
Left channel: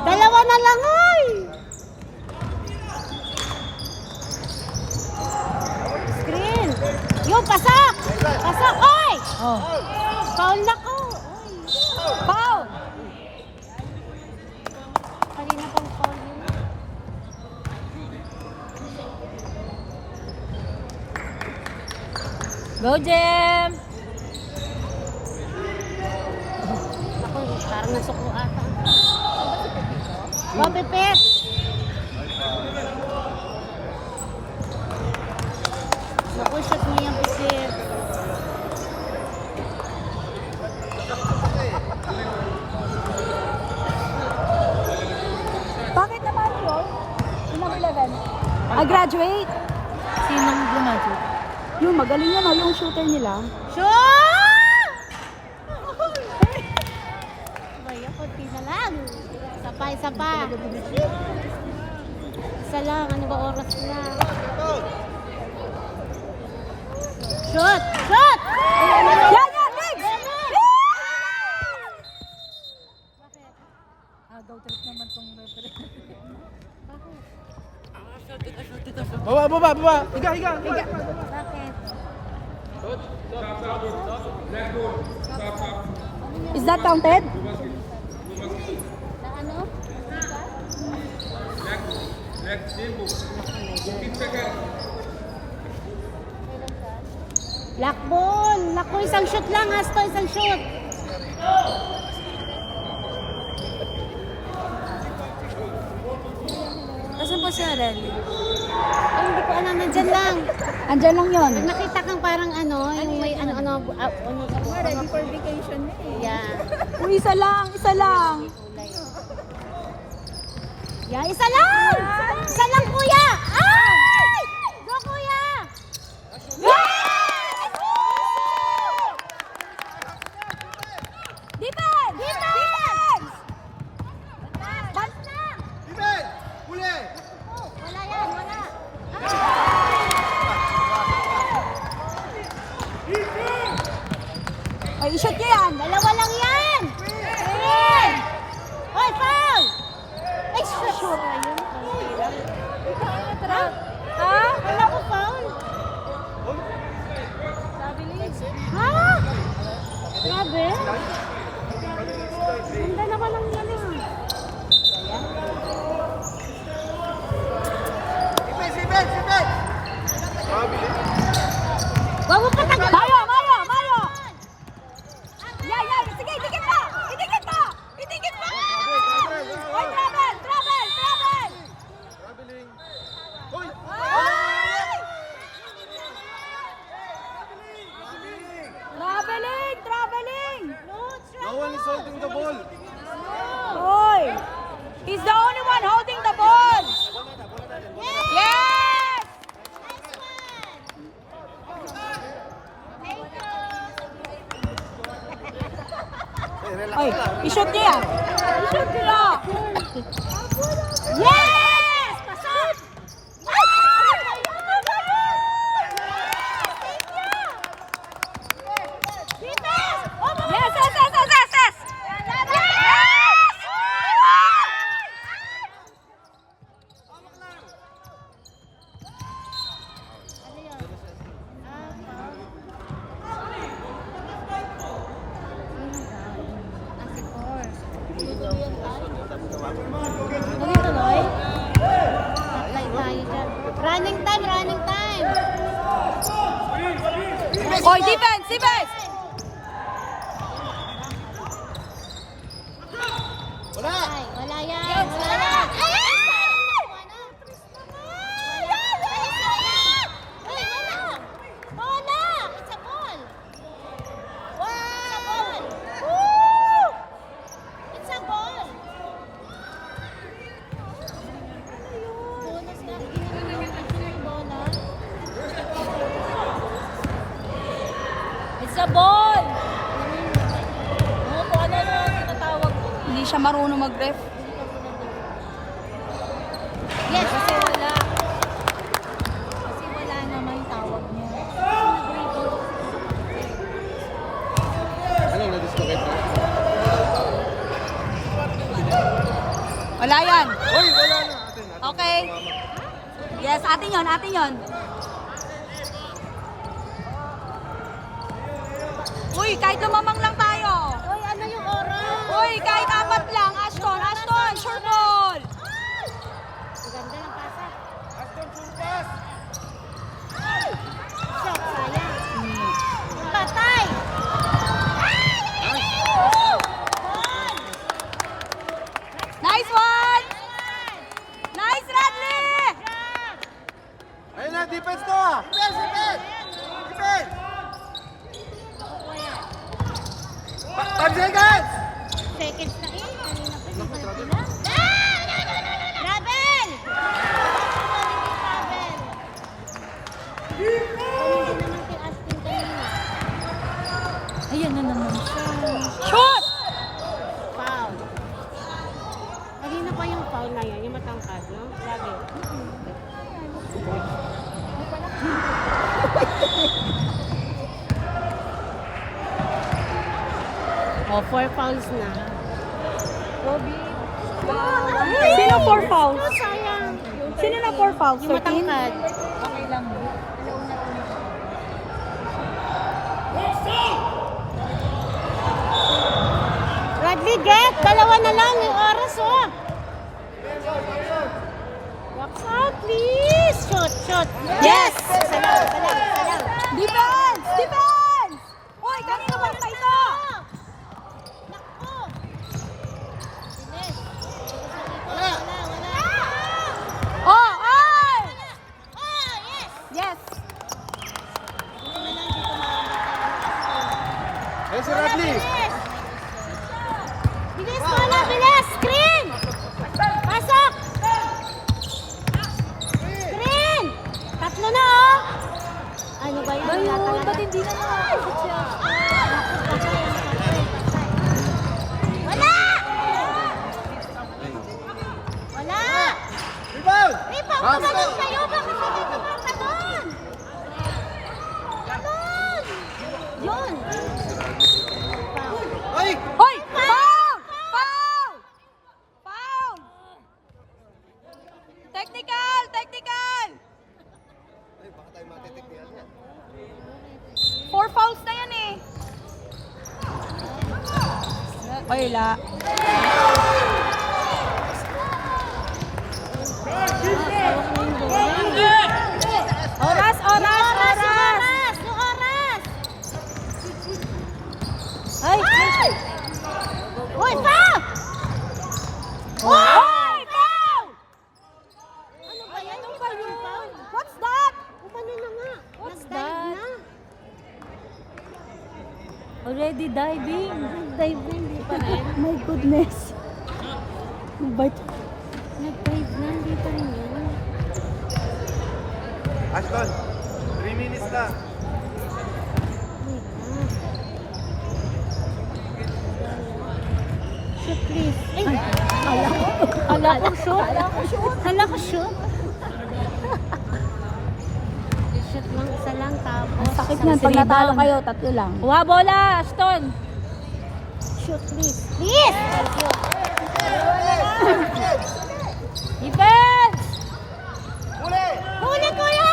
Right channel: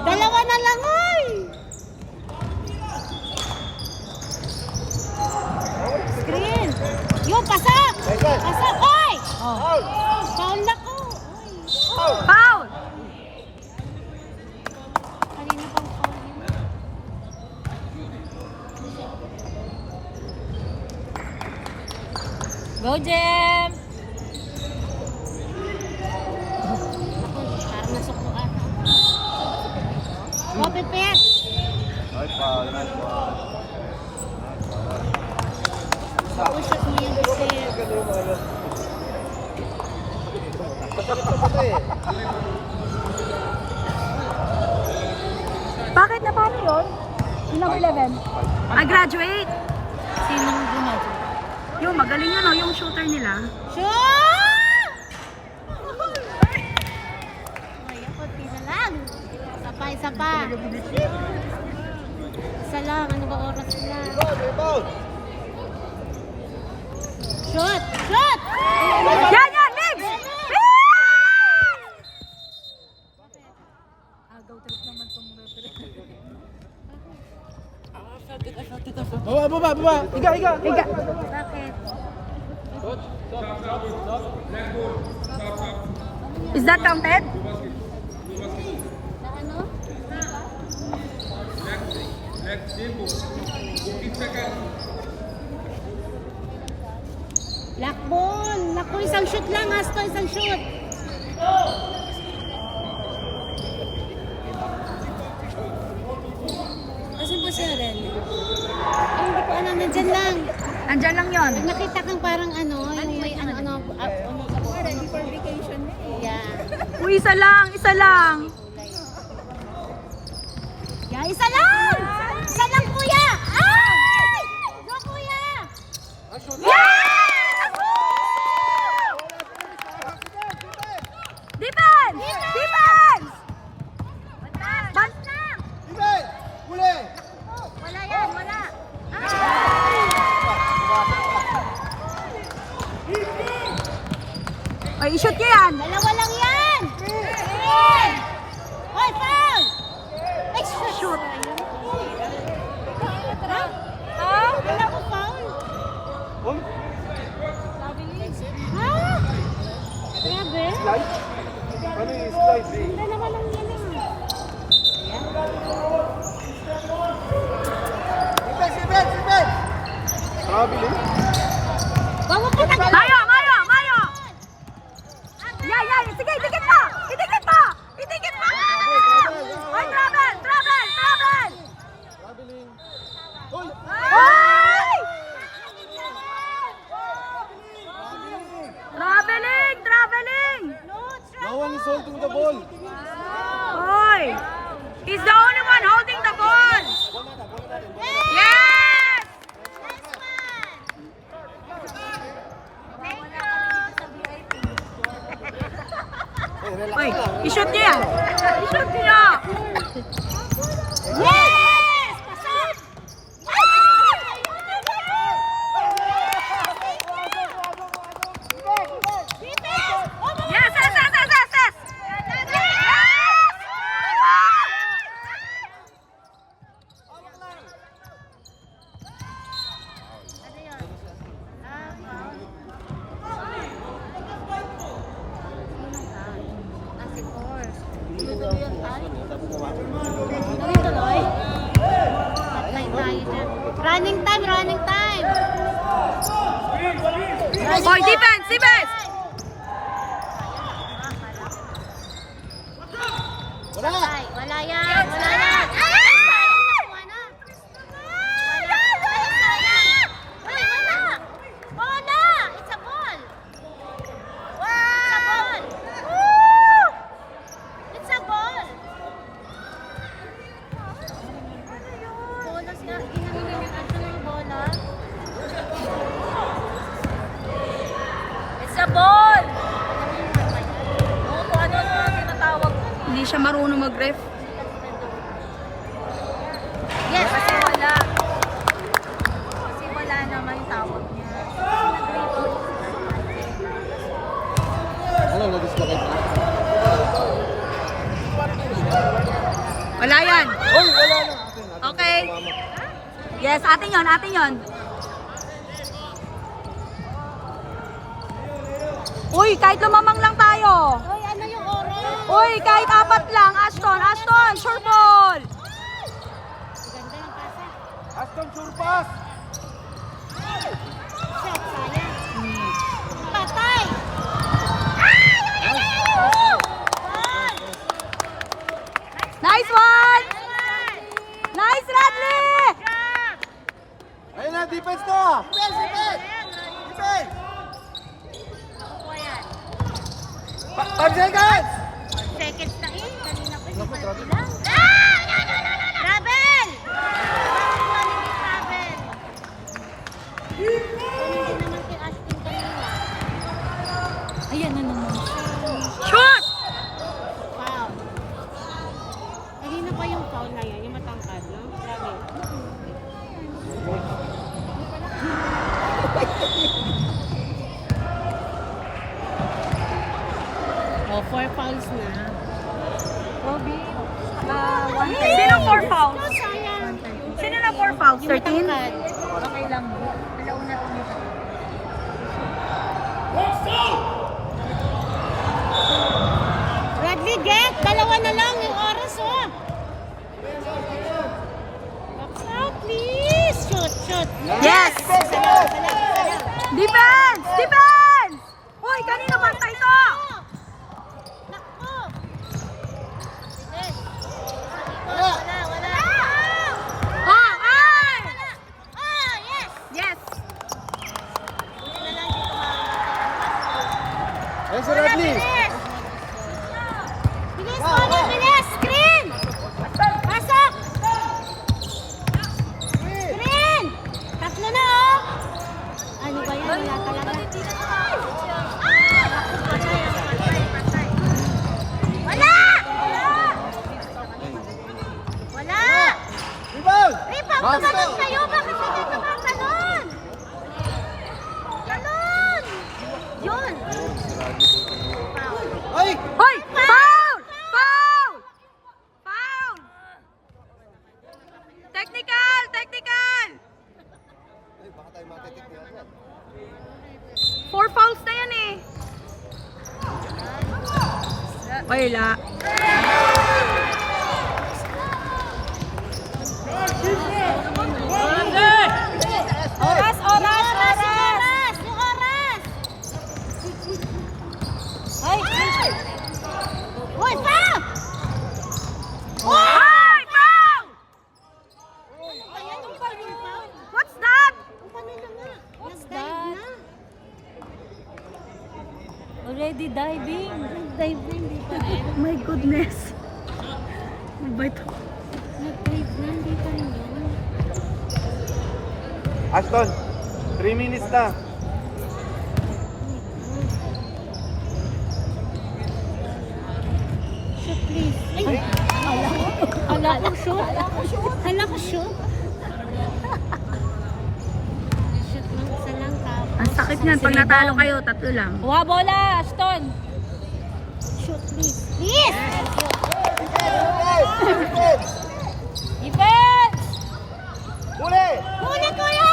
Dalawa na lang, oy! Screen! Yung, pasak! Pasak, oy! Foul na ko! Foul! Kanina pang foul yun. Go, Jem! Ako, parang nasuko ata. Go, Pipit! Naku, shot mo yung Pipit. Bakit na paano yun? Yung number 11. I graduate. Sinong gumado? Yung magaling yan, oh, yung shooter nila. Shoot! Ay, kunti na lang. Isa pa. Isa lang. Ano ba oras na? baba. Higa. Higa. Is that counted? Black ball. Naku, isang shoot lang. Asto, isang shoot. Asan pa siya, Ren? Ay, hindi ko alam. Nandyan lang. Andyan lang yun. Nakita kang parang ano, yung may ano. Ready for vacation na eh. Yeah. Uy, isa lang. Yeah, isa lang! Isa lang, kuya! Ay! Go, kuya! Yes! Defense! Defense! Iben! Huli! Wala yan, wala. Ay, i-shoot niya yan. Dalawa lang yan! Ayan! Hoy, foul! Ay, shoot! Ha? Ha? Wala ko foul? Ha? Grabe? Dalawa lang yan eh. Bago pa tagal! Mayo! Yan. Sige, itikit mo! Ay, travel! Traveling. Hoy! Ay! Traveling! No one is holding the ball. Hoy! He's the only one holding the ball! Yes! Ay, i-shoot niya yan! Yes! Pasok! Yes! Yes! Running time! Hoy, defense! Wala! Wala yan! Wala! It's a ball! Ano tinatawag? Hindi siya marunong mag-ref. Yes, kasi wala. Kasi wala naman takot niya. Ano, na-dislocate na? Wala yan. Hoy, wala na. Okay. Yes, atin yon. Uy, kahit lumamang lang tayo. Uy, ano yung oras? Uy, kahit 4 lang. Ashton, sure ball. Ganda ng pasa. Aston Surpass! Shot, sayang. Patay! Nice one. Nice, Radley. Ayun na, defense na! Defense! 5 seconds! Seconds na eh. Naku, grabe. Raben! Ayan na naman siya. Shoot. Foul. Kanina pa yung foul na yun, yung matangkad, no? Grabe. Oh, 4 fouls na. Sino 4 fouls? Sayang. Sino na 4 fouls? Yung 13? matangkad. Shoot! Yes! Isa lang. Defense! Defense! Hoy, kanina banta ito? Oh, ay! Yes! Ayun si Radley. Bilis mo na, bilis! Screen! Pasok! Screen! Tatlo na, oh! Ano ba yan? Wala talaga. Wala! Wala! Rebound! Ripa, Box umagat to! kayo! Bakit hindi tumama doon? Ganon! Yun! Ay! Hoy! Foul! Foul! Foul! Technical! Technical! Ay, baka tayo matitik niya yan. 4 fouls na yan eh. Wala. Oras! Oras! Yung oras! Ay! Hoy! Foul! Hoy! Foul! Ano ba yan? Yung foul? What's that? Paano na nga? What's Nag-dive that? na. Already diving. Diving, di pa rin. My goodness. Bite. Nag-dive na, di pa rin yun. Ashton, 3 minutes na. Shoot, please. Ay! Hala ko shoot. Hala ko shoot. Shoot lang, isa lang tapos. Ang sakit niyan. Pag natalo kayo, 3 lang. Kuha bola, Ashton. Shoot, please. Please! Defense! Huli, kuya!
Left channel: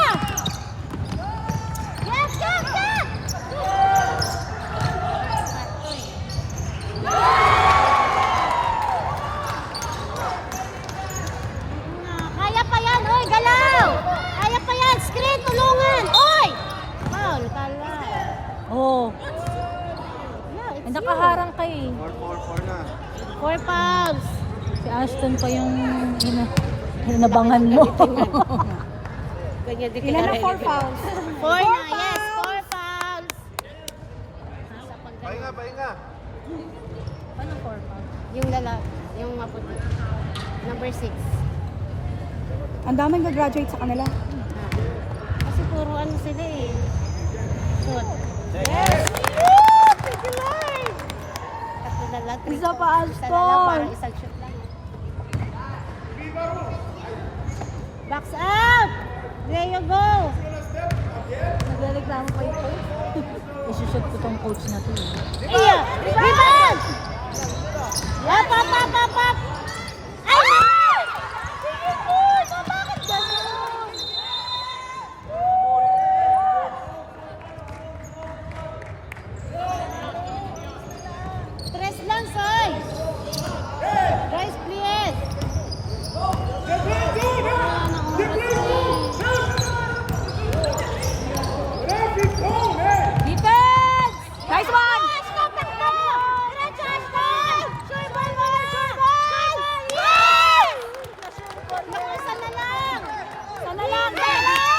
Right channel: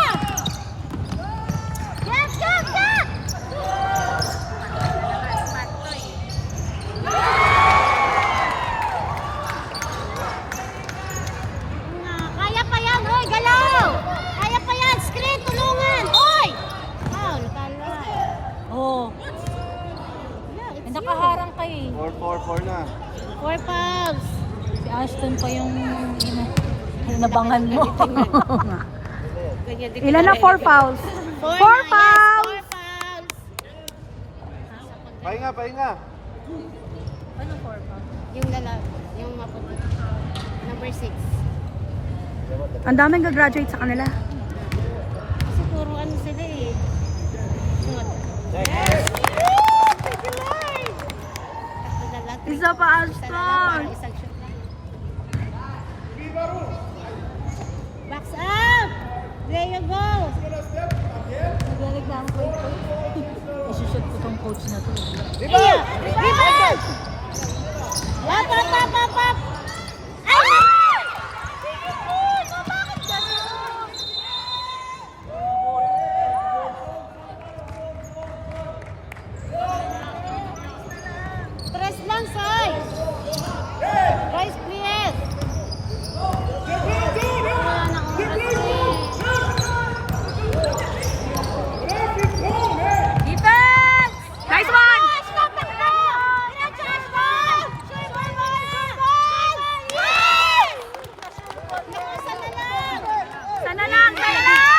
Yes, yes, yes! Kaya pa yan, oy, galaw! Kaya pa yan, screen, tulungan! Oy! Foul, kala. Oh, Yeah, it's nakaharang ka eh. 4-4-4 na. 4 fouls. Si Ashton pa yung hinabangan mo. Ilan na 4 fouls? 4 4 fouls! fouls. 4 fouls. Pahinga, pahinga. Yung yung maputi. Number 6. Ang daming gagraduate sa kanila. Kasi puro ano sila eh. Shoot. Thank you, Lord. Tatlo na lang. Isa pa, Isa na lang, Ashton. parang isang shoot na. Box out! There you go! Isushoot ko tong coach na to. Iya! Rebound! Up, up, up, up, up! Ay! Tres lang, Soy! Guys, please! Defense! Nice one! Sana lang! Sana lang!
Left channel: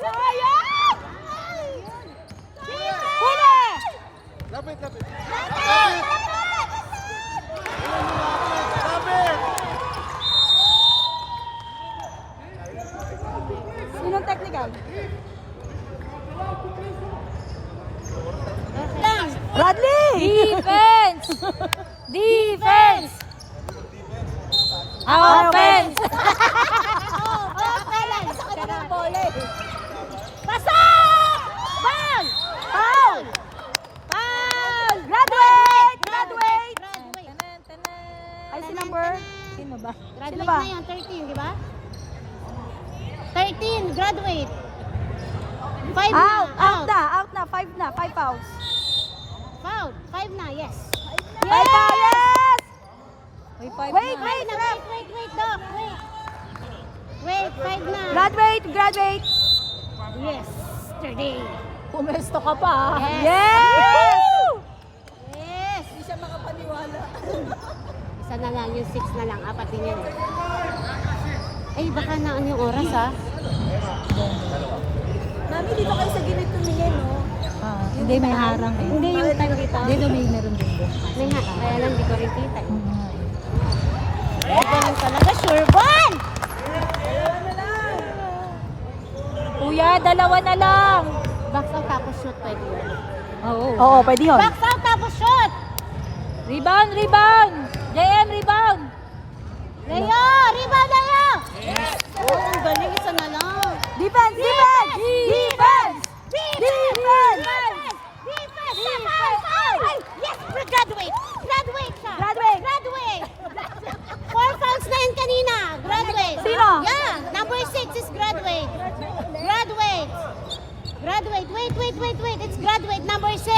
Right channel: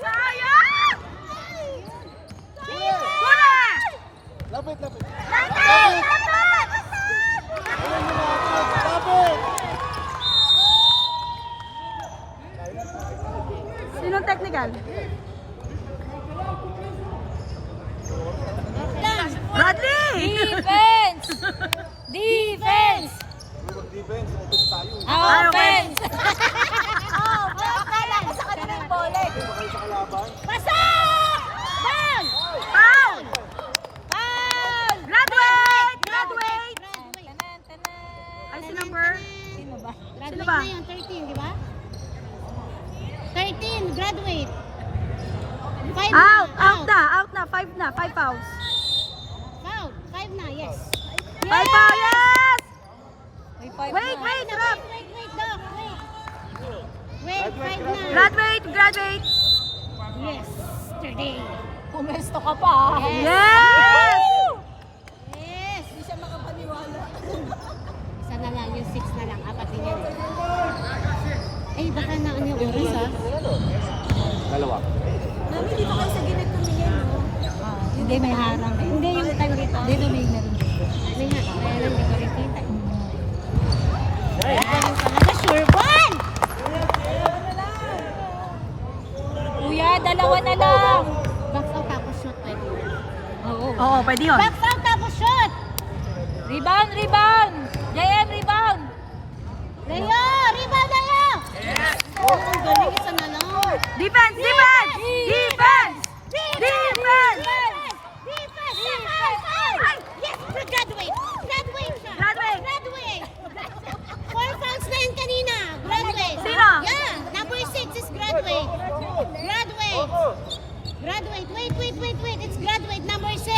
Sayang! Huli! Lapit, lapit. Lapit! Lapit! Sinong technical? Bradley! Defense! Defense! Ah, okay. Offense! Pasok! Ball! Foul! Foul! Graduate! Graduate! Graduate. Ay, si number? Sino ba? Graduate Sino ba? na yan, 13, di ba? 13, graduate. 5 Out! Out na! Out na! 5 na! 5 fouls. Foul. 5 na, yes. Bye, bye, yes! May 5 Wait, na. wait, Na, ref. wait, Doc. Wait. Wait, 5 na. Graduate, graduate. Yesterday. Pumesto ka pa. Yes. Yes! Yes. Isa na lang, yung 6 na lang. Apat din yan. Ay, baka na ano yung oras, ha? Hindi, may harang eh. Hindi yung time dito. Hindi, lumig na rin dito. May nga, kaya lang di ko rin kita. Ito lang talaga, sure ball! Kuya, dalawa na lang. Box out tapos shoot, pwede yun. Oo. Oo, pwede yun. Box out tapos shoot! Rebound, rebound. JM, rebound. Leo! Rebound, Leo! Oh, ang galing, isa na lang. Defense, defense! Defense! Defense! Defense! Foul! Yes, graduate! Graduate siya! Graduate! Graduate! 4 fouls na yan kanina. Graduate. Sino? Yeah, number 6 is graduate. Graduate. Graduate. Wait. It's graduate number 6.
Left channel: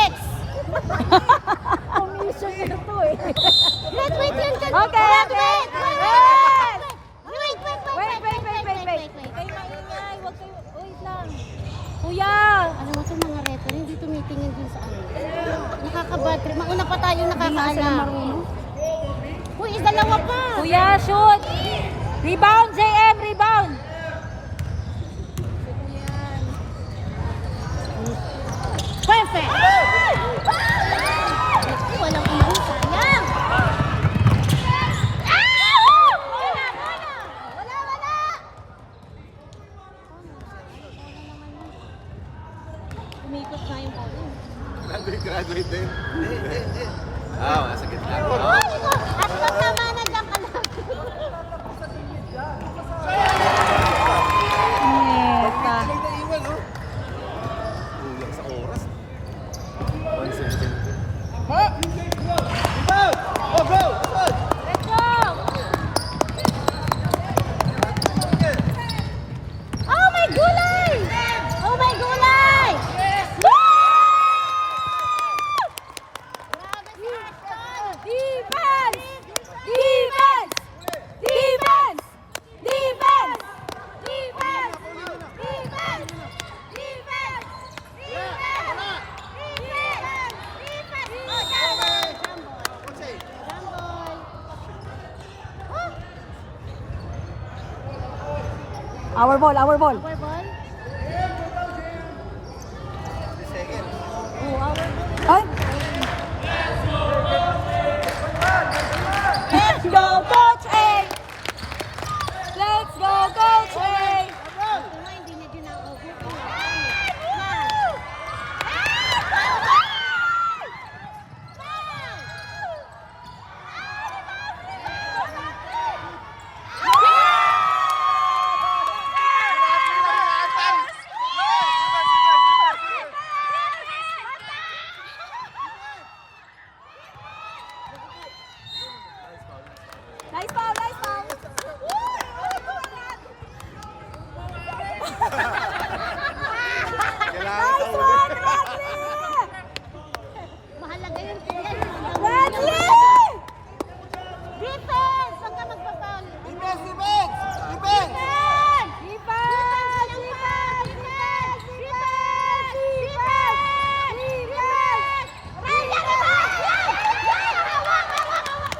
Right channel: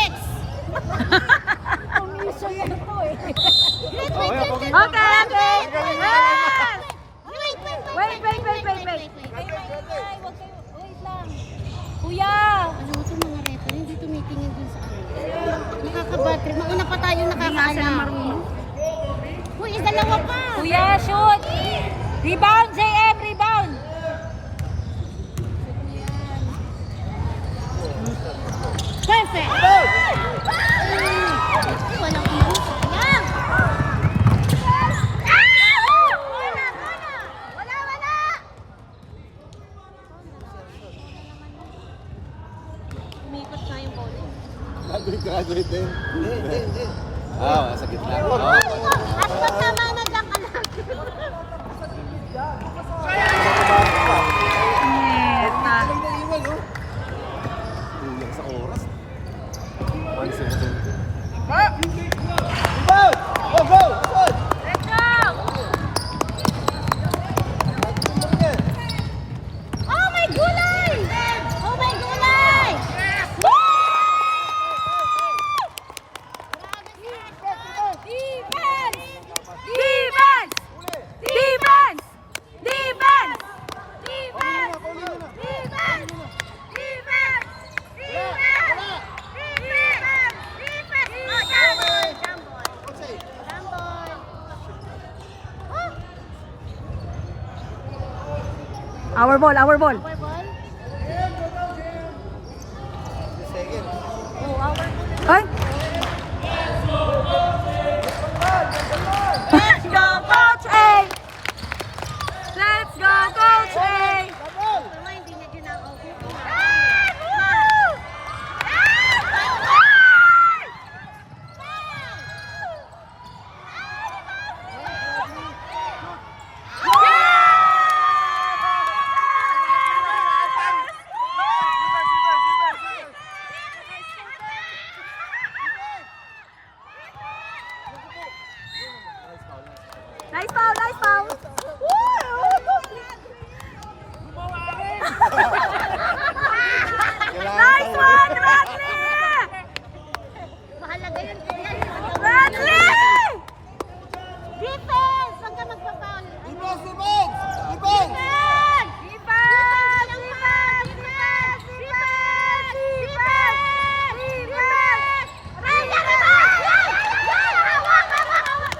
Graduate. Okay, okay. Yes! Wait. Kuya. Alam mo itong mga referee, hindi tumitingin dun sa ano. Nakaka-bad trip. Mauna pa tayo Hindi nga sila nakakaalam. marunong. Uy, dalawa pa. Kuya, shoot. Rebound, JM, rebound. Perfect! Walang umang sayang! Graduate din. Ah, sa gitna. At magtamanan lang ka lang. Neta. Kulang sa oras. Pansin mo din. Go, go! Good! Oh my gulay! Oh my gulay! Defense! Defense! Defense! Our ball, our ball. Ay! Let's go, Coach A! Let's go, Coach A! Hindi niya ginagawa. Nice foul, nice foul! Nice one, Bradley! Mahalaga yun. Bradley! Defense! Huwag ka magpa-foul. Defense!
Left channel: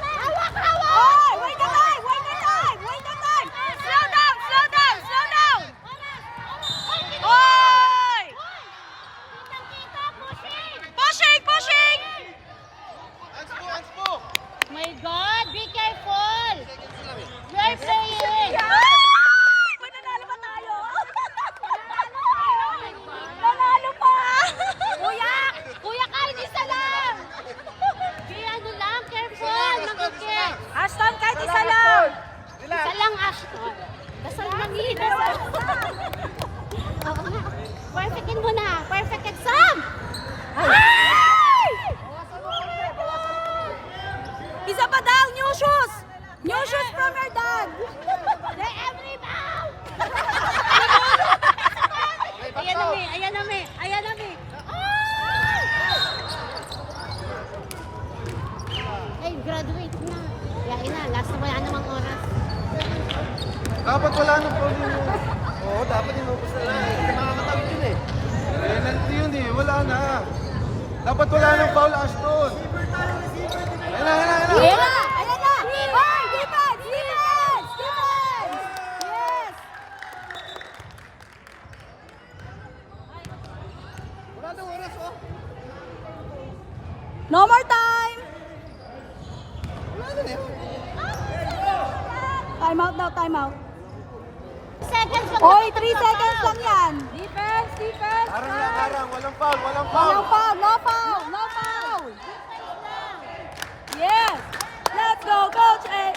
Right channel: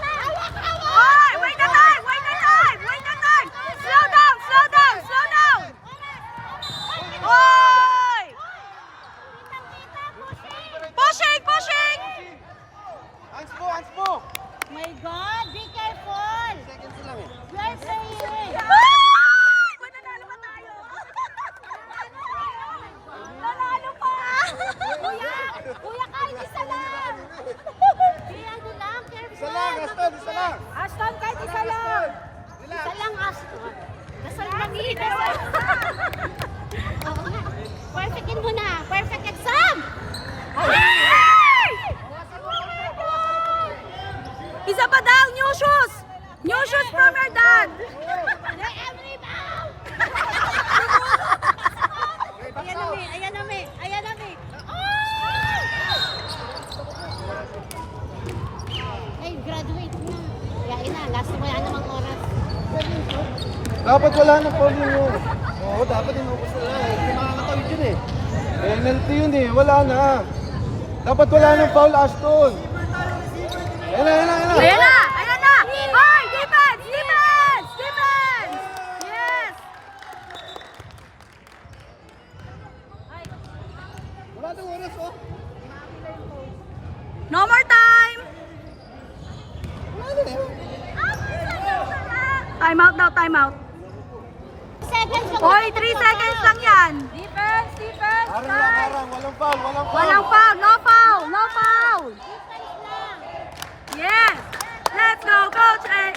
Oy, wait the time! Wait the time! Wait the time! Slow down! Slow down! Slow down! Oy! Pushing! Pushing! My God, be careful! We are playing! Ay! Mananalo pa tayo! Manalo pa! Kuya, kahit isa lang! Kaya ano lang, careful! Mag-get! Ashton, kahit isa lang! Isa lang, Ashton. Dasal lang yun, dasal. Oo nga. Perfectin mo na. Perfect exam! Ay! Isa pa daw! New shoes! New shoes from your dad! The every bound! Ayan na, May. Dapat wala nang foul yun. Oo, dapat yung mabos na yun. Pinangatawid yun eh. Penalty yun eh, wala na. Dapat wala nang foul, Ashton. Ayan na, ayan na, ayan na. Ayan na! Ayan na! Hoy! Defense! Defense! Defense! Yes! No more time! Time out daw, time out. Seconds yung Hoy, 3 seconds lang yan. Defense! Defense! Arang lang, arang. Walang foul, walang foul. Walang foul, no foul, no foul. Yes! Let's go, Coach A!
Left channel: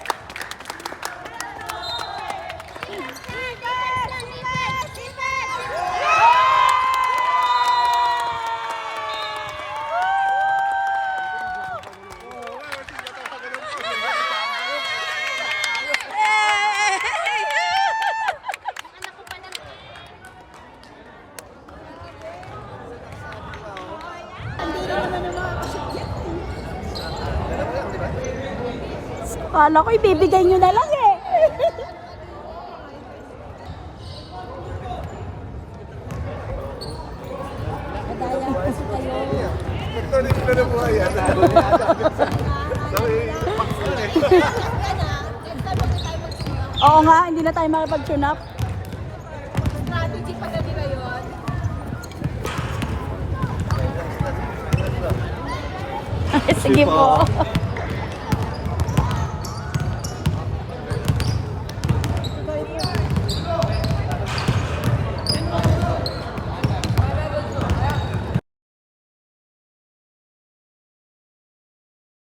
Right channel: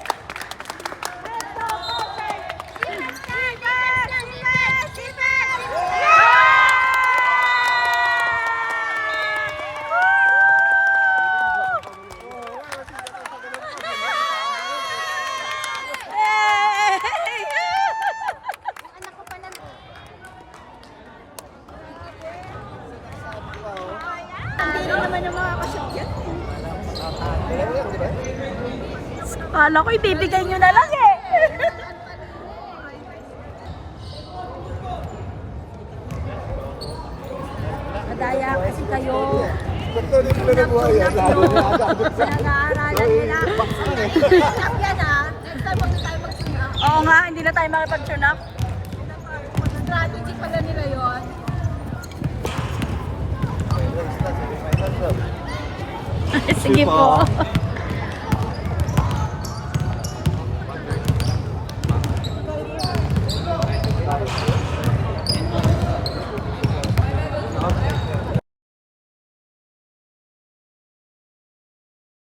Kala ko ibibigay nyo na lang eh. Madaya kasi kayo. Tuloy na buhay yan. Nag-aaralan nila. Yan ah. Oo nga, hindi na tayo makipag-tune up. Strategy pa ganila yun. Sige po.